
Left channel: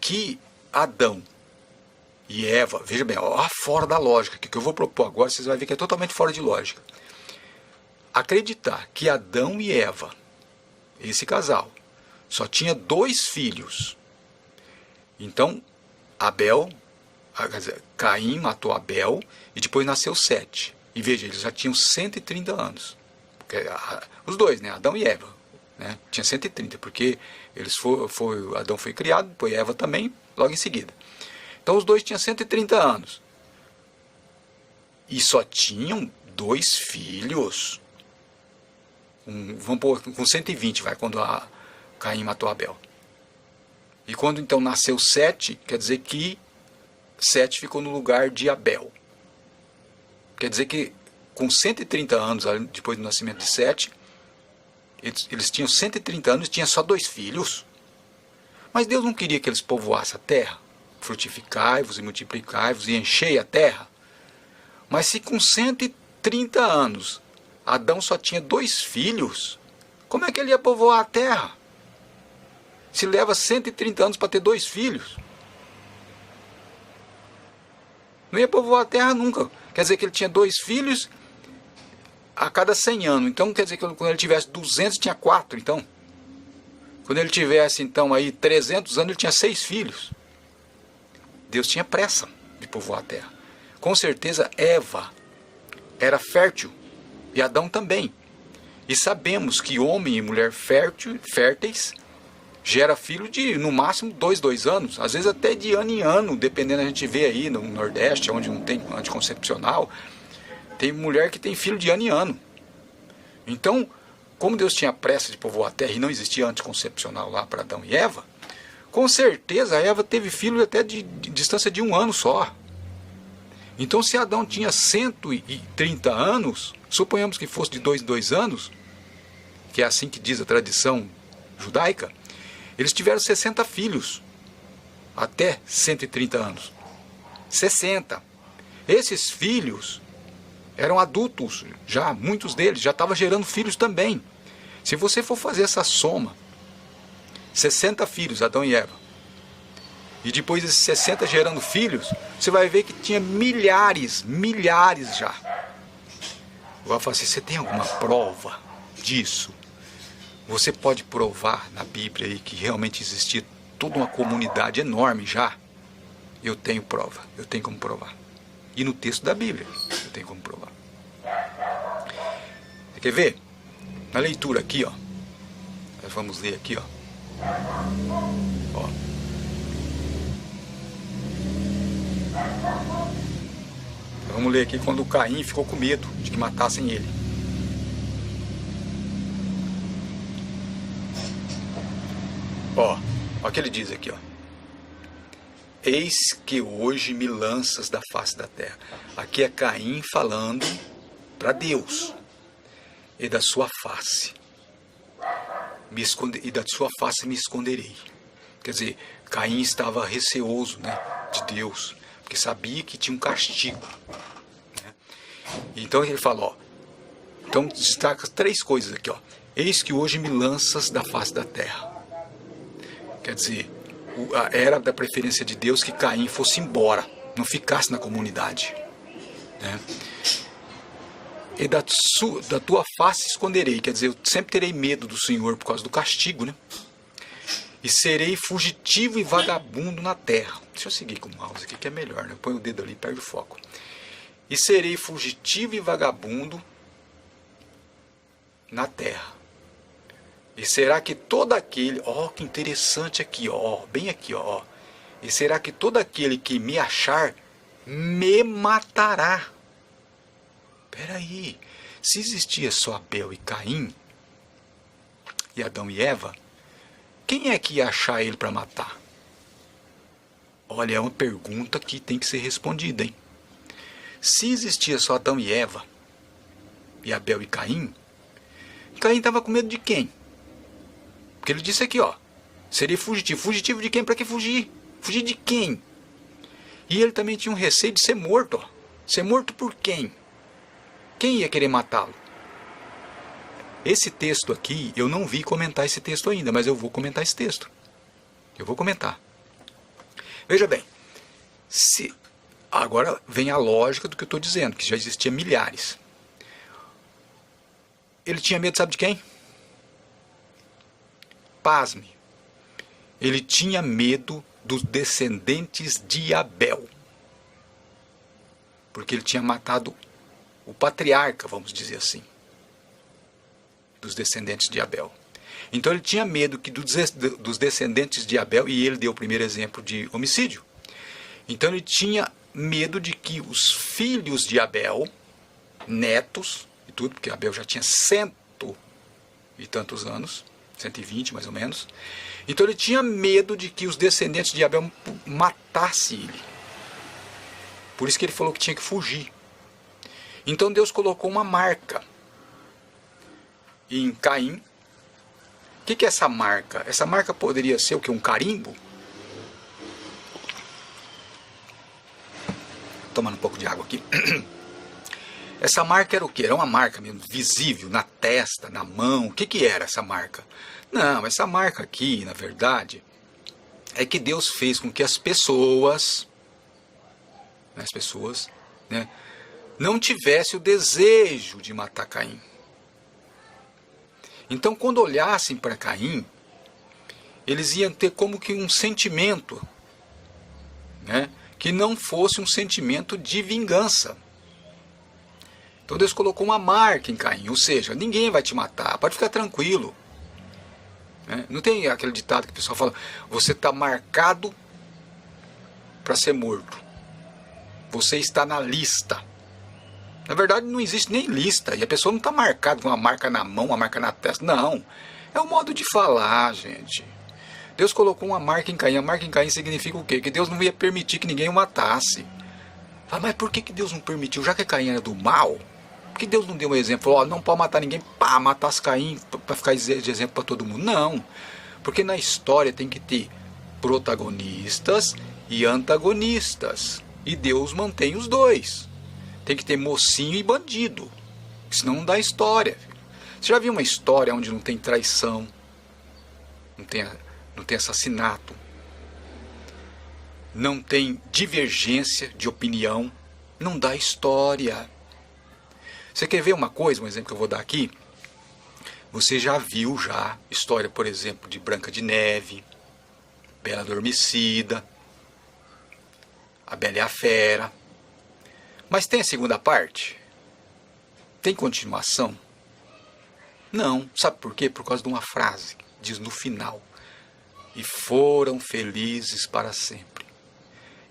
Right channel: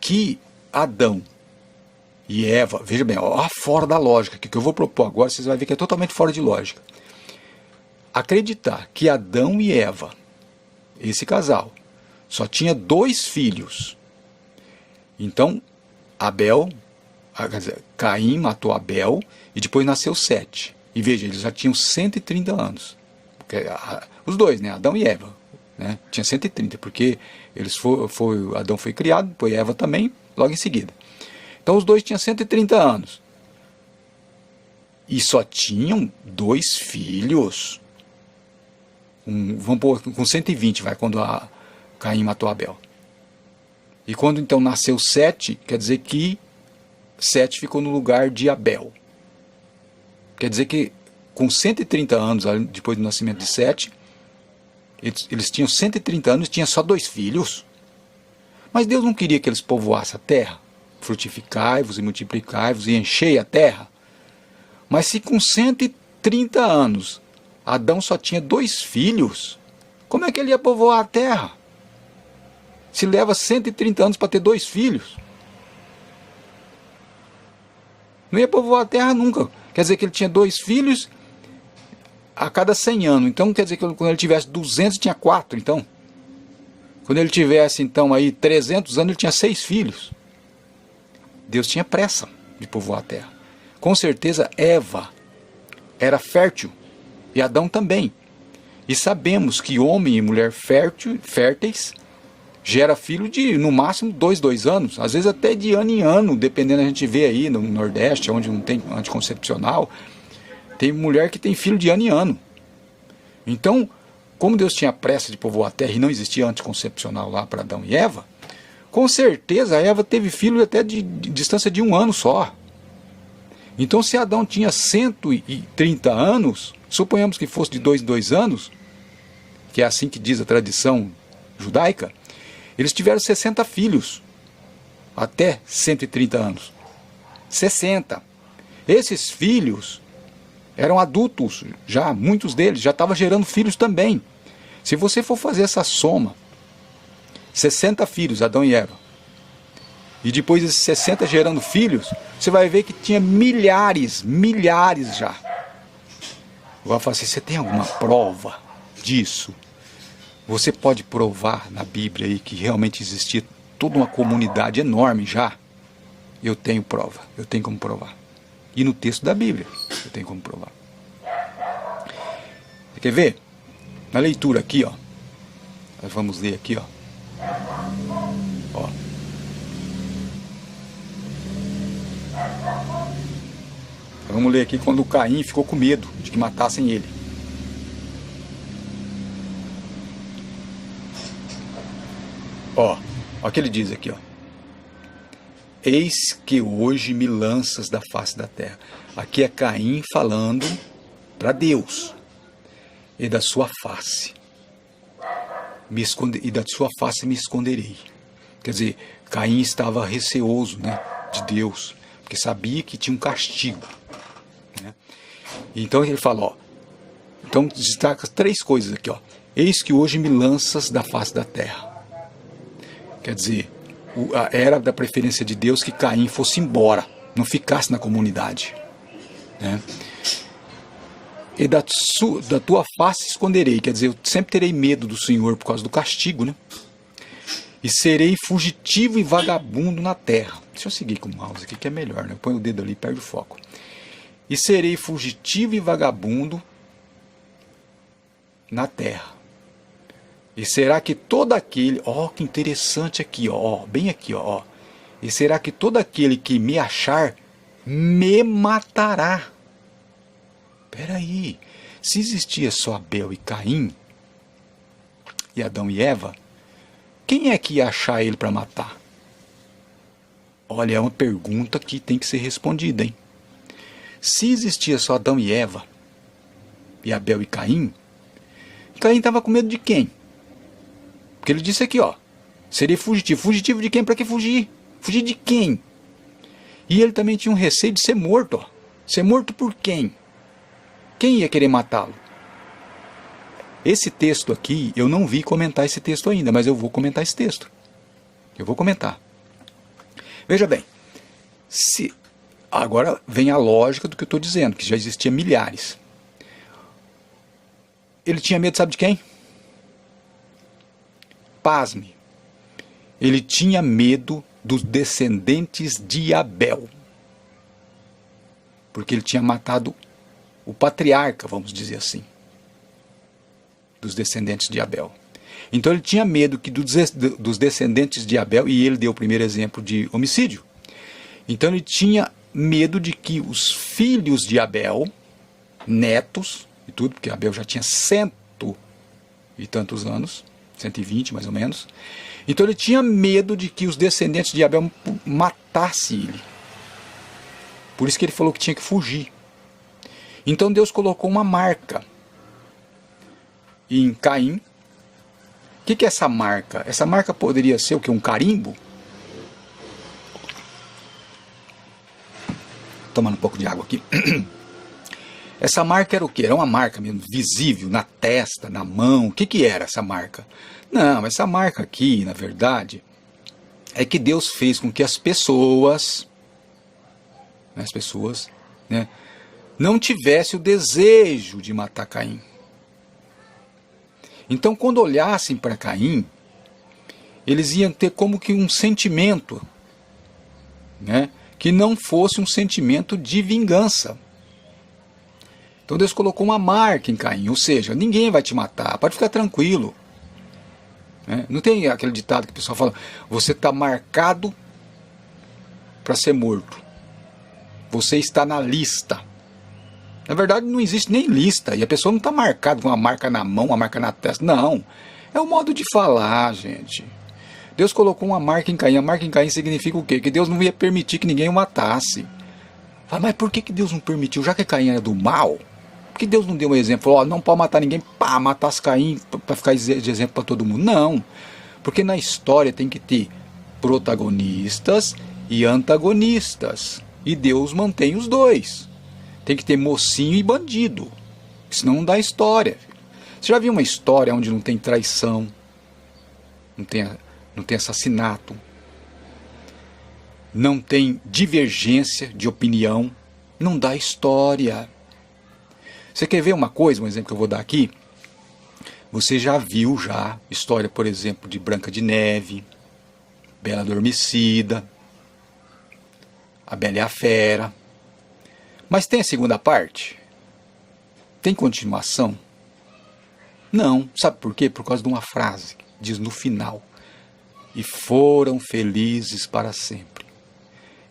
que Adão e Eva, veja bem, ó, fora da lógica, que eu vou propor agora, vocês vão ver que é totalmente fora de lógica. Acreditar que Adão e Eva, esse casal, só tinha dois filhos. Então, Caim matou Abel e depois nasceu Sete. E veja, eles já tinham 130 anos. Os dois, né? Adão e Eva. Né? Tinha 130, porque Adão foi criado, depois Eva também, logo em seguida. Então os dois tinham 130 anos. E só tinham dois filhos. Vamos pôr com 120, vai, quando Caim matou Abel. E quando então nasceu Sete, quer dizer que Sete ficou no lugar de Abel. Quer dizer que com 130 anos, depois do nascimento de Sete, eles tinham 130 anos e tinham só dois filhos. Mas Deus não queria que eles povoassem a terra. Frutificai-vos e multiplicai-vos e enchei a terra. Mas se com 130 anos Adão só tinha dois filhos, como é que ele ia povoar a terra? Se leva 130 anos para ter dois filhos. Não ia povoar a terra nunca. Quer dizer que ele tinha 2 filhos a cada 100 anos. Então quer dizer que quando ele tivesse 200, tinha 4, então. Quando ele tivesse, então, aí 300 anos, ele tinha 6 filhos. Deus tinha pressa de povoar a terra. Com certeza, Eva era fértil, e Adão também. E sabemos que homem e mulher férteis gera filho de, no máximo, 2 anos. Às vezes até de ano em ano, dependendo, a gente vê aí no Nordeste, onde não tem anticoncepcional, tem mulher que tem filho de ano em ano. Então, como Deus tinha pressa de povoar a terra e não existia anticoncepcional lá para Adão e Eva, com certeza a Eva teve filho até de distância de 1 ano só. Então, se Adão tinha 130 anos, suponhamos que fosse de 2 em 2 anos, que é assim que diz a tradição judaica, eles tiveram 60 filhos, até 130 anos. 60. Esses filhos eram adultos, já muitos deles já estavam gerando filhos também. Se você for fazer essa soma, 60 filhos, Adão e Eva, e depois esses 60 gerando filhos, você vai ver que tinha milhares já. Agora fala assim, você tem alguma prova disso? Você pode provar na Bíblia aí que realmente existia toda uma comunidade enorme já? Eu tenho prova, eu tenho como provar. E no texto da Bíblia, eu tenho como provar. Você quer ver? Na leitura aqui, ó. Nós vamos ler aqui, ó. Ó. Vamos ler aqui quando Caim ficou com medo de que matassem ele. Ó o que ele diz aqui, ó. Eis que hoje me lanças da face da terra. Aqui é Caim falando para Deus. E da sua face e da sua face me esconderei. Quer dizer, Caim estava receoso, né, de Deus, porque sabia que tinha um castigo, né? Então ele fala, ó, então destaca 3 coisas aqui, ó. Eis que hoje me lanças da face da terra. Quer dizer, era da preferência de Deus que Caim fosse embora, não ficasse na comunidade, né? E da tua face esconderei, quer dizer, eu sempre terei medo do Senhor por causa do castigo, né? E serei fugitivo e vagabundo na terra. Deixa eu seguir com o mouse aqui que é melhor, né? Eu ponho o dedo ali e perde o foco. E serei fugitivo e vagabundo na terra. E será que todo aquele, ó, que interessante aqui, ó, bem aqui, ó. E será que todo aquele que me achar me matará? Peraí, se existia só Abel e Caim, e Adão e Eva, quem é que ia achar ele para matar? Olha, é uma pergunta que tem que ser respondida, hein? Se existia só Adão e Eva, e Abel e Caim estava com medo de quem? Porque ele disse aqui, ó, seria fugitivo. Fugitivo de quem? Para que fugir? Fugir de quem? E ele também tinha um receio de ser morto, ó. Ser morto por quem? Quem ia querer matá-lo? Esse texto aqui, eu não vi comentar esse texto ainda, mas eu vou comentar esse texto. Eu vou comentar. Veja bem, agora vem a lógica do que eu estou dizendo, que já existia milhares. Ele tinha medo, sabe de quem? Pasme. Ele tinha medo dos descendentes de Abel. Porque ele tinha matado o patriarca, vamos dizer assim, dos descendentes de Abel. Então ele tinha medo que dos descendentes de Abel, e ele deu o primeiro exemplo de homicídio. Então ele tinha medo de que os filhos de Abel, netos e tudo, porque Abel já tinha 100 e tantos anos, 120 mais ou menos. Então ele tinha medo de que os descendentes de Abel matassem ele. Por isso que ele falou que tinha que fugir. Então Deus colocou uma marca em Caim. O que é essa marca? Essa marca poderia ser o que? Um carimbo? Tomando um pouco de água aqui. Essa marca era o que? Era uma marca mesmo, visível, na testa, na mão. O que era essa marca? Não, essa marca aqui, na verdade, é que Deus fez com que as pessoas, né, não tivesse o desejo de matar Caim. Então, quando olhassem para Caim, eles iam ter como que um sentimento, né, que não fosse um sentimento de vingança. Então Deus colocou uma marca em Caim, ou seja, ninguém vai te matar, pode ficar tranquilo. Né? Não tem aquele ditado que o pessoal fala, você está marcado para ser morto. Você está na lista. Na verdade não existe nem lista, e a pessoa não está marcada com uma marca na mão, uma marca na testa, não. É um modo de falar, gente. Deus colocou uma marca em Caim. A marca em Caim significa o quê? Que Deus não ia permitir que ninguém o matasse. Ah, mas por que Deus não permitiu? Já que Caim era do mal, por que Deus não deu um exemplo? Falou, não pode matar ninguém, pá, matasse Caim para ficar de exemplo para todo mundo. Não, porque na história tem que ter protagonistas e antagonistas. E Deus mantém os dois. Tem que ter mocinho e bandido, senão não dá história. Você já viu uma história onde não tem traição, não tem assassinato, não tem divergência de opinião, não dá história. Você quer ver uma coisa, um exemplo que eu vou dar aqui? Você já viu história, por exemplo, de Branca de Neve, Bela Adormecida, A Bela e a Fera. Mas tem a segunda parte? Tem continuação? Não. Sabe por quê? Por causa de uma frase que diz no final: e foram felizes para sempre.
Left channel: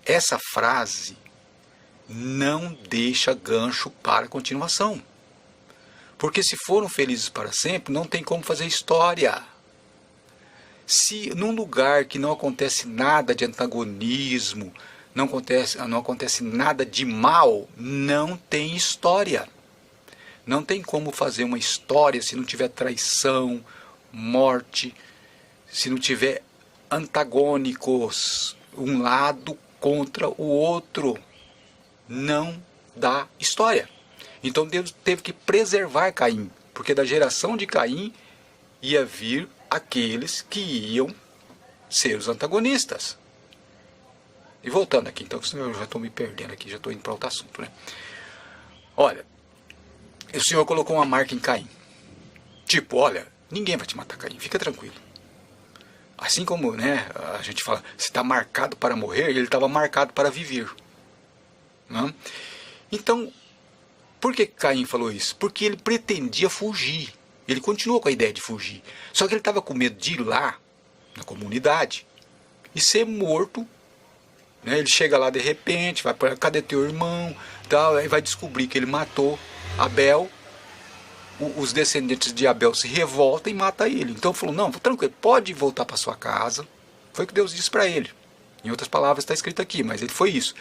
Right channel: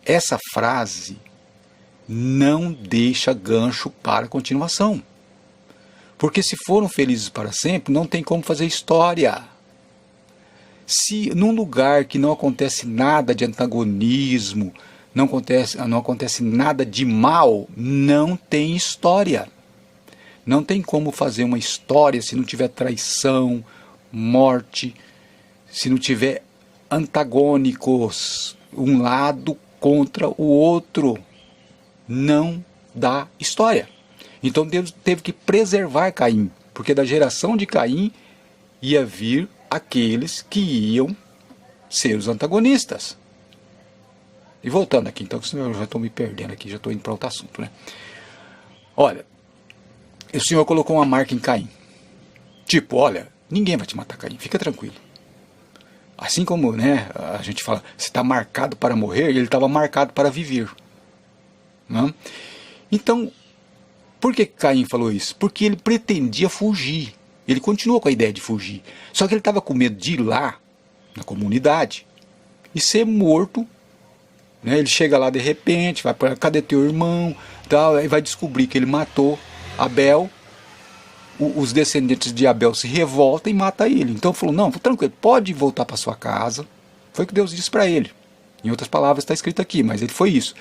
Essa frase não deixa gancho para a continuação. Porque se foram felizes para sempre, não tem como fazer história. Se num lugar que não acontece nada de antagonismo, não acontece nada de mal, não tem história. Não tem como fazer uma história se não tiver traição, morte, se não tiver antagônicos, um lado contra o outro. Não dá história. Então Deus teve que preservar Caim, porque da geração de Caim ia vir aqueles que iam ser os antagonistas. E voltando aqui, então, senão eu já estou me perdendo aqui, já estou indo para outro assunto, né? Olha, o Senhor colocou uma marca em Caim. Tipo, olha, ninguém vai te matar, Caim, fica tranquilo. Assim como, né, a gente fala, você está marcado para morrer, ele estava marcado para viver. Não? Então, por que Caim falou isso? Porque ele pretendia fugir. Ele continuou com a ideia de fugir. Só que ele estava com medo de ir lá, na comunidade, e ser morto. Né? Ele chega lá de repente, vai para cadê teu irmão? Tal, aí vai descobrir que ele matou Abel. Os descendentes de Abel se revoltam e matam ele. Então falou, não, tranquilo, pode voltar para sua casa. Foi o que Deus disse para ele. Em outras palavras está escrito aqui, mas ele foi isso.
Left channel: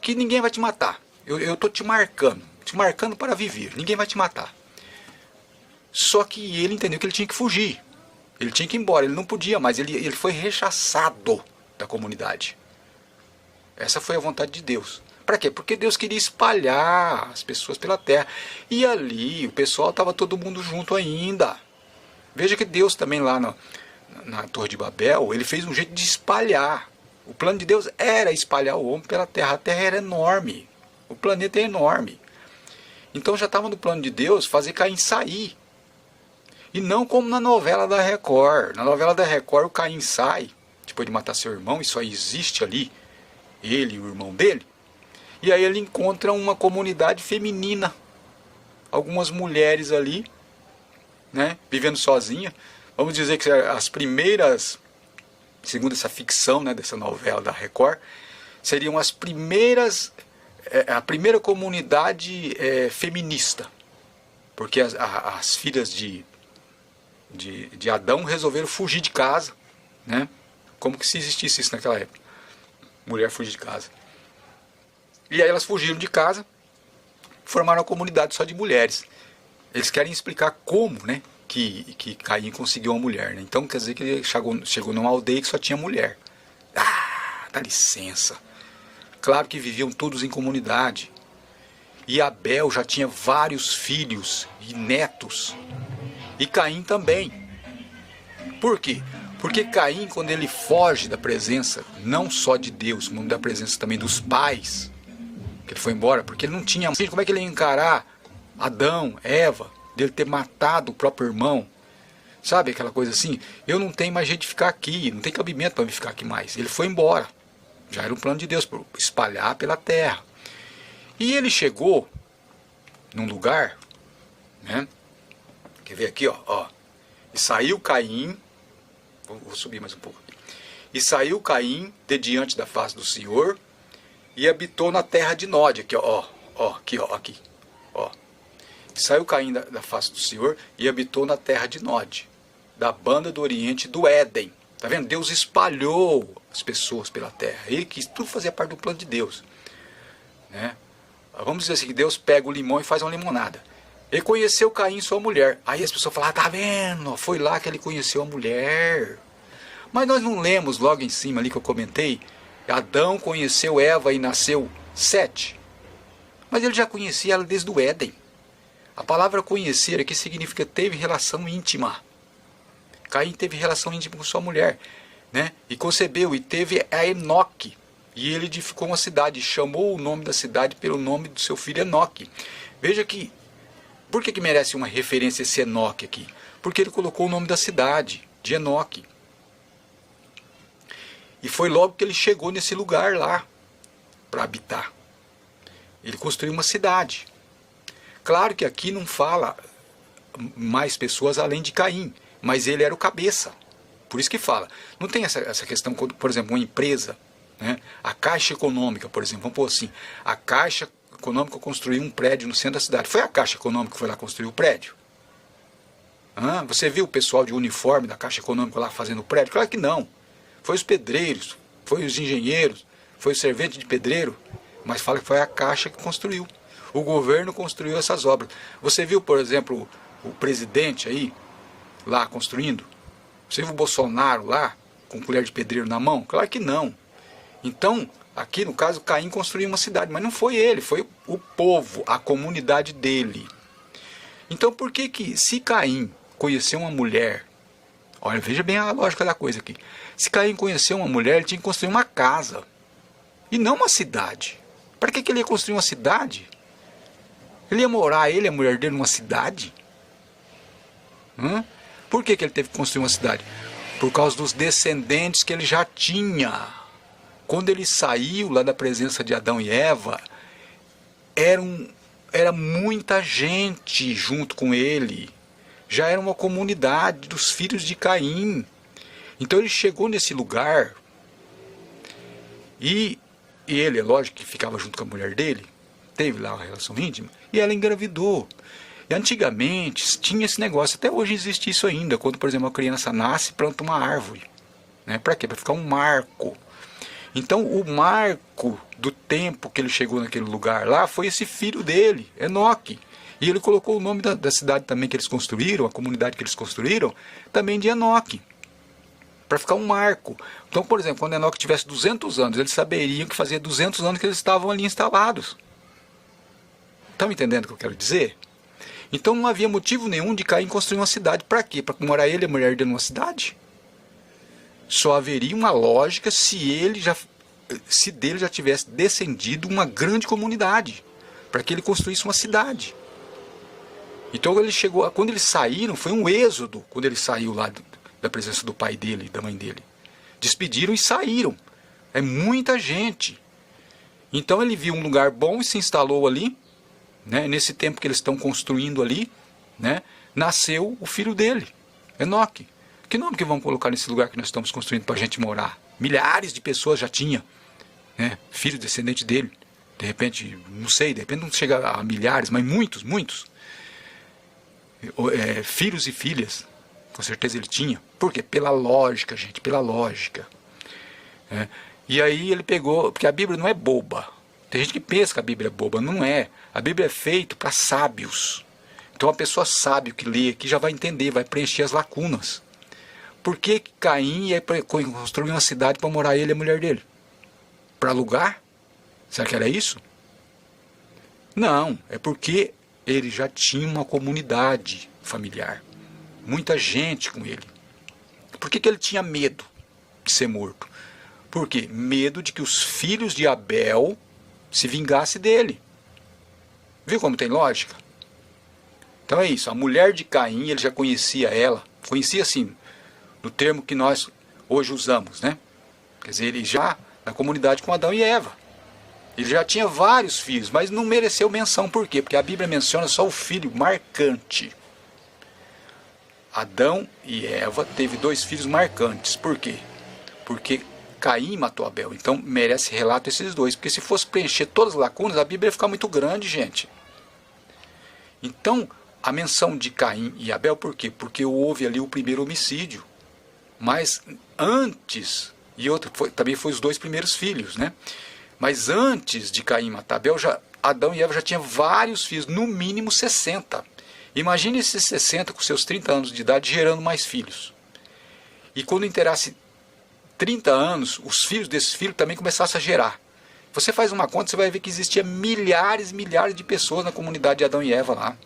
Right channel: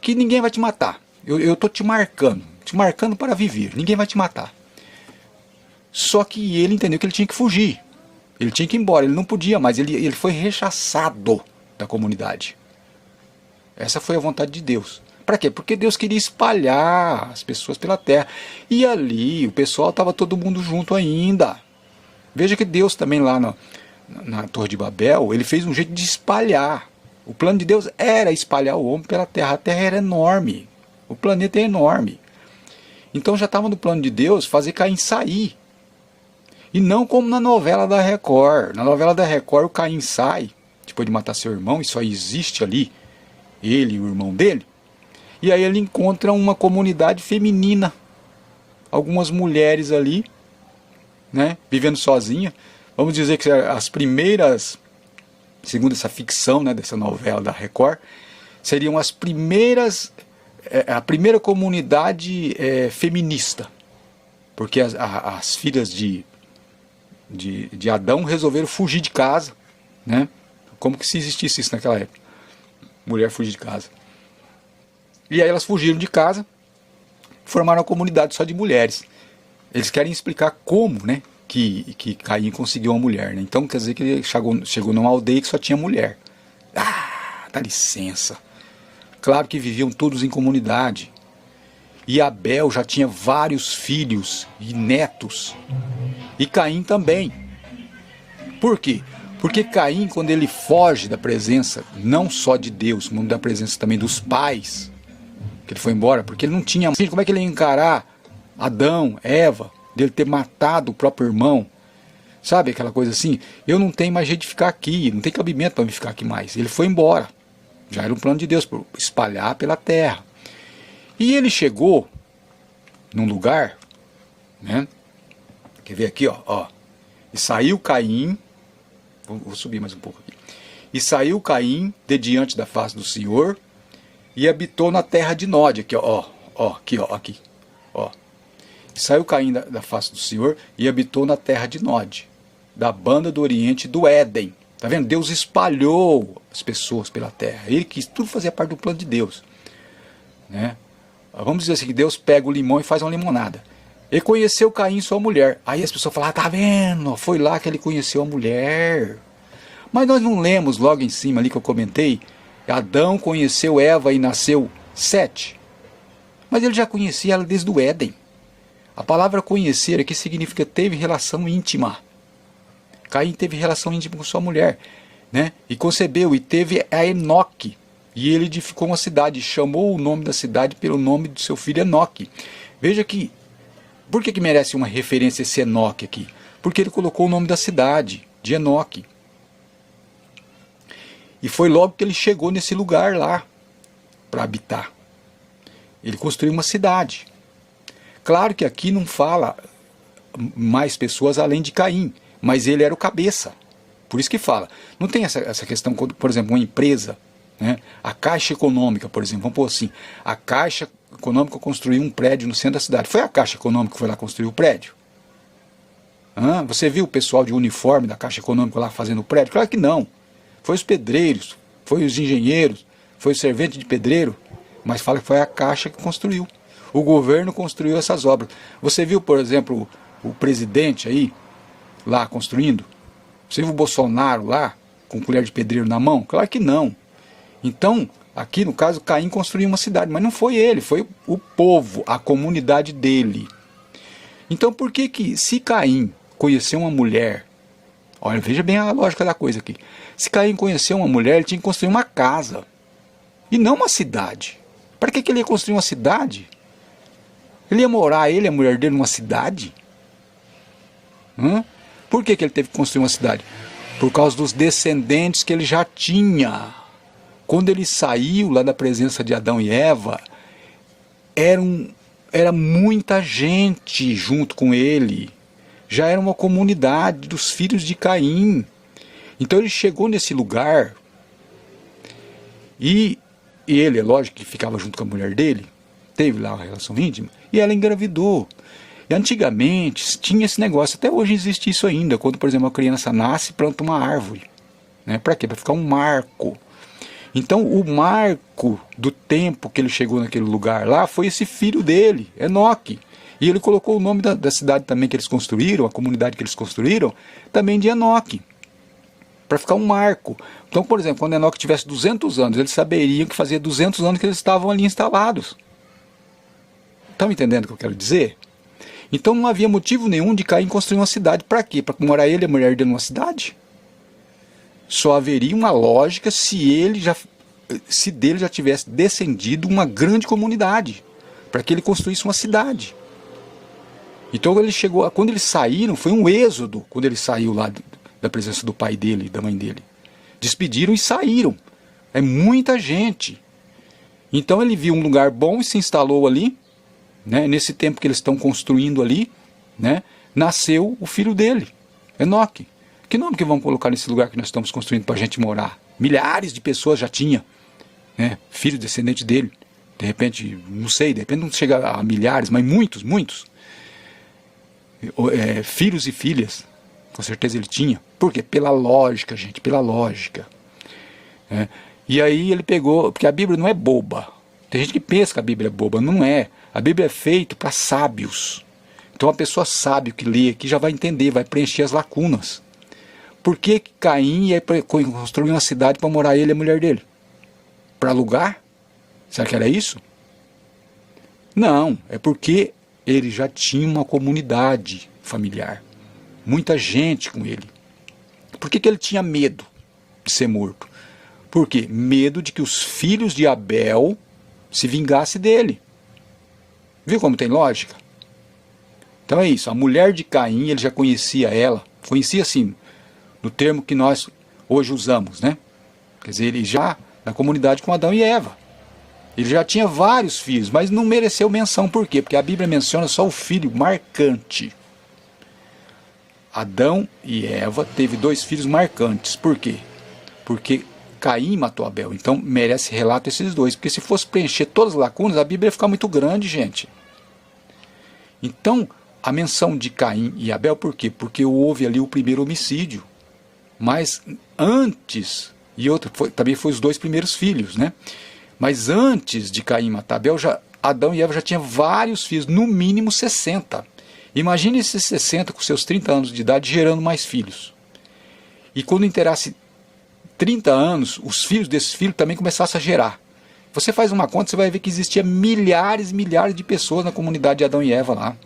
Que ninguém vai te matar. Eu estou te marcando para viver. Ninguém vai te matar. Só que ele entendeu que ele tinha que fugir. Ele tinha que ir embora, ele não podia mais. Ele foi rechaçado da comunidade. Essa foi a vontade de Deus. Para quê? Porque Deus queria espalhar as pessoas pela terra. E ali o pessoal estava todo mundo junto ainda. Veja que Deus também lá na Torre de Babel, ele fez um jeito de espalhar. O plano de Deus era espalhar o homem pela terra. A terra era enorme. O planeta é enorme. Então já estava no plano de Deus fazer Caim sair. E não como na novela da Record. Na novela da Record o Caim sai, depois de matar seu irmão, e só existe ali ele e o irmão dele. E aí ele encontra uma comunidade feminina. Algumas mulheres ali, né, vivendo sozinha. Vamos dizer que as primeiras, segundo essa ficção, né, dessa novela da Record, seriam as primeiras, a primeira comunidade feminista. Porque as filhas de Adão resolveram fugir de casa. Né? Como que se existisse isso naquela época? Mulher fugir de casa. E aí elas fugiram de casa, formaram uma comunidade só de mulheres. Eles querem explicar como, né, que Caim conseguiu uma mulher. Né? Então quer dizer que ele chegou numa aldeia que só tinha mulher. Ah, dá licença. Claro que viviam todos em comunidade. E Abel já tinha vários filhos e netos. E Caim também. Por quê? Porque Caim, quando ele foge da presença, não só de Deus, mas da presença também dos pais, que ele foi embora, porque ele não tinha... Como é que ele ia encarar Adão, Eva, dele ter matado o próprio irmão? Sabe aquela coisa assim? Eu não tenho mais jeito de ficar aqui, não tem cabimento para me ficar aqui mais. Ele foi embora. Já era um plano de Deus, para espalhar pela terra. E ele chegou num lugar, né? Quer ver aqui, ó. E saiu Caim, vou subir mais um pouco aqui. E saiu Caim de diante da face do Senhor e habitou na terra de Nod, aqui, aqui. E saiu Caim da face do Senhor e habitou na terra de Nod, da banda do oriente do Éden. Tá vendo? Deus espalhou as pessoas pela terra. Ele quis, tudo fazia parte do plano de Deus, né? Vamos dizer assim, que Deus pega o limão e faz uma limonada. Ele conheceu Caim e sua mulher. Aí as pessoas falam, tá vendo? Foi lá que ele conheceu a mulher. Mas nós não lemos logo em cima ali que eu comentei, Adão conheceu Eva e nasceu Sete. Mas ele já conhecia ela desde o Éden. A palavra conhecer aqui significa teve relação íntima. Caim teve relação íntima com sua mulher, né? E concebeu e teve a Enoque. E ele edificou uma cidade, chamou o nome da cidade pelo nome do seu filho Enoque. Veja que, por que merece uma referência esse Enoque aqui? Porque ele colocou o nome da cidade, de Enoque. E foi logo que ele chegou nesse lugar lá, para habitar. Ele construiu uma cidade. Claro que aqui não fala mais pessoas além de Caim, mas ele era o cabeça. Por isso que fala. Não tem essa questão, por exemplo, uma empresa, né? A Caixa Econômica, por exemplo, vamos pôr assim, a Caixa Econômica construiu um prédio no centro da cidade. Foi a Caixa Econômica que foi lá construir o prédio? Você viu o pessoal de uniforme da Caixa Econômica lá fazendo o prédio? Claro que não. Foi os pedreiros, foi os engenheiros, foi o servente de pedreiro, mas fala que foi a Caixa que construiu. O governo construiu essas obras. Você viu, por exemplo, o presidente aí, lá construindo? Você viu o Bolsonaro lá, com colher de pedreiro na mão? Claro que não. Então, aqui no caso, Caim construiu uma cidade, mas não foi ele, foi o povo, a comunidade dele. Então, por que se Caim conheceu uma mulher, olha, veja bem a lógica da coisa aqui. Se Caim conheceu uma mulher, ele tinha que construir uma casa, e não uma cidade. Para que ele ia construir uma cidade? Ele ia morar, ele e a mulher dele, numa cidade? Por que ele teve que construir uma cidade? Por causa dos descendentes que ele já tinha. Quando ele saiu lá da presença de Adão e Eva, era muita gente junto com ele. Já era uma comunidade dos filhos de Caim. Então ele chegou nesse lugar e ele, é lógico que ficava junto com a mulher dele, teve lá uma relação íntima, e ela engravidou. E antigamente tinha esse negócio, até hoje existe isso ainda, quando, por exemplo, uma criança nasce, planta uma árvore. Né? Para quê? Para ficar um marco. Então o marco do tempo que ele chegou naquele lugar lá foi esse filho dele, Enoque. E ele colocou o nome da cidade também que eles construíram, a comunidade que eles construíram, também de Enoque. Para ficar um marco. Então, por exemplo, quando Enoque tivesse 200 anos, eles saberiam que fazia 200 anos que eles estavam ali instalados. Estão entendendo o que eu quero dizer? Então não havia motivo nenhum de Caim construir uma cidade. Para quê? Para morar ele e a mulher dele numa cidade? Só haveria uma lógica se dele já tivesse descendido uma grande comunidade, para que ele construísse uma cidade. Então ele chegou, quando eles saíram, foi um êxodo, quando ele saiu lá da presença do pai dele e da mãe dele. Despediram e saíram. É muita gente. Então ele viu um lugar bom e se instalou ali, né? Nesse tempo que eles estão construindo ali, né? Nasceu o filho dele, Enoque. Que nome que vamos colocar nesse lugar que nós estamos construindo para a gente morar? Milhares de pessoas já tinha, né? Filho descendente dele. De repente, não sei, de repente não chega a milhares, mas muitos. Filhos e filhas, com certeza ele tinha. Por quê? Pela lógica, gente, pela lógica. E aí ele pegou, porque a Bíblia não é boba. Tem gente que pensa que a Bíblia é boba, não é. A Bíblia é feita para sábios. Então a pessoa sábio que lê aqui já vai entender, vai preencher as lacunas. Por que Caim ia construir uma cidade para morar ele e a mulher dele? Para alugar? Será que era isso? Não, é porque ele já tinha uma comunidade familiar. Muita gente com ele. Por que ele tinha medo de ser morto? Por quê? Medo de que os filhos de Abel se vingasse dele. Viu como tem lógica? Então é isso, a mulher de Caim, ele já conhecia ela, conhecia assim, no termo que nós hoje usamos, né? Quer dizer, ele já, na comunidade com Adão e Eva, ele já tinha vários filhos, mas não mereceu menção, por quê? Porque a Bíblia menciona só o filho marcante. Adão e Eva teve 2 filhos marcantes, por quê? Porque Caim matou Abel, então merece relato esses 2, porque se fosse preencher todas as lacunas, a Bíblia ia ficar muito grande, gente. Então, a menção de Caim e Abel, por quê? Porque houve ali o primeiro homicídio. Mas antes, e outra, também foi os 2 primeiros filhos, né? Mas antes de Caim matar Abel, Adão e Eva já tinham vários filhos, no mínimo 60. Imagine esses 60 com seus 30 anos de idade gerando mais filhos. E quando inteirasse 30 anos, os filhos desses filhos também começassem a gerar. Você faz uma conta, você vai ver que existia milhares e milhares de pessoas na comunidade de Adão e Eva lá.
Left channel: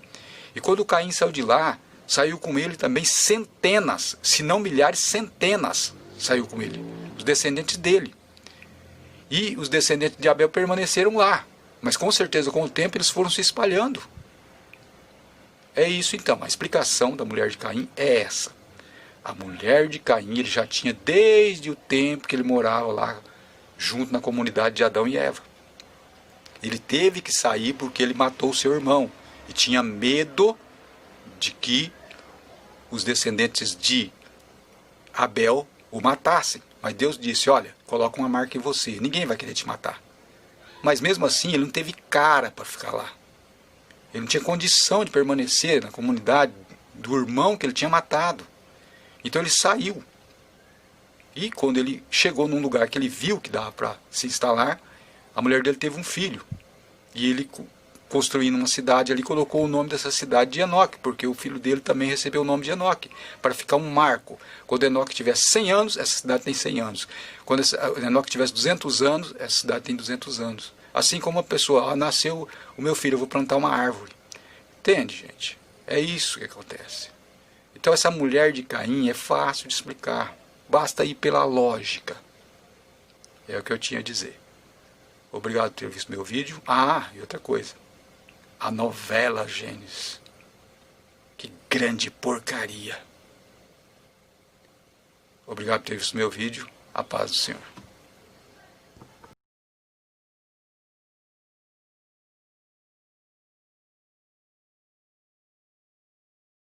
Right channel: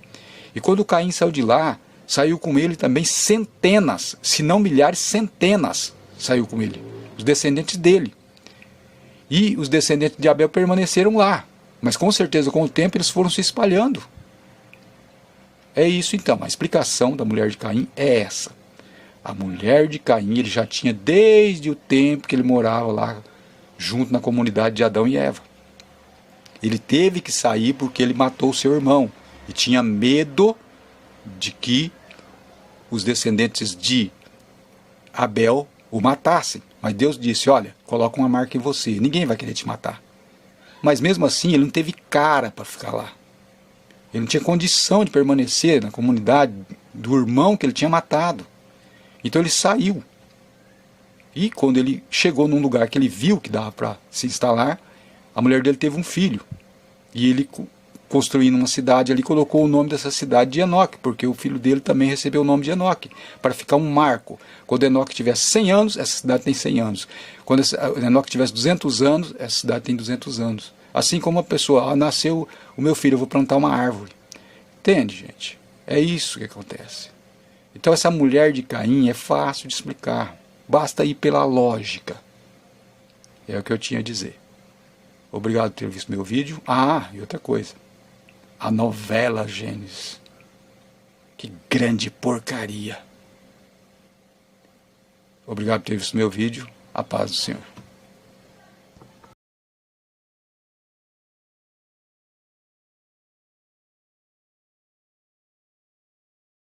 E quando Caim saiu de lá, saiu com ele também centenas, se não milhares, centenas saiu com ele, os descendentes dele. E os descendentes de Abel permaneceram lá, mas com certeza com o tempo eles foram se espalhando. É isso então, a explicação da mulher de Caim é essa. A mulher de Caim, ele já tinha desde o tempo que ele morava lá, junto na comunidade de Adão e Eva. Ele teve que sair porque ele matou seu irmão e tinha medo de que os descendentes de Abel o matassem. Mas Deus disse, olha, coloca uma marca em você, ninguém vai querer te matar. Mas mesmo assim ele não teve cara para ficar lá. Ele não tinha condição de permanecer na comunidade do irmão que ele tinha matado. Então ele saiu. E quando ele chegou num lugar que ele viu que dava para se instalar, a mulher dele teve um filho. E ele, construindo uma cidade ali, colocou o nome dessa cidade de Enoque, porque o filho dele também recebeu o nome de Enoque, para ficar um marco. Quando Enoque tivesse 100 anos, essa cidade tem 100 anos. Quando Enoque tivesse 200 anos, essa cidade tem 200 anos. Assim como uma pessoa, nasceu o meu filho, eu vou plantar uma árvore. Entende, gente? É isso que acontece. Então essa mulher de Caim é fácil de explicar. Basta ir pela lógica. É o que eu tinha a dizer. Obrigado por ter visto meu vídeo. E outra coisa. A novela Gênesis. Que grande porcaria. Obrigado por ter visto meu vídeo. A paz do Senhor.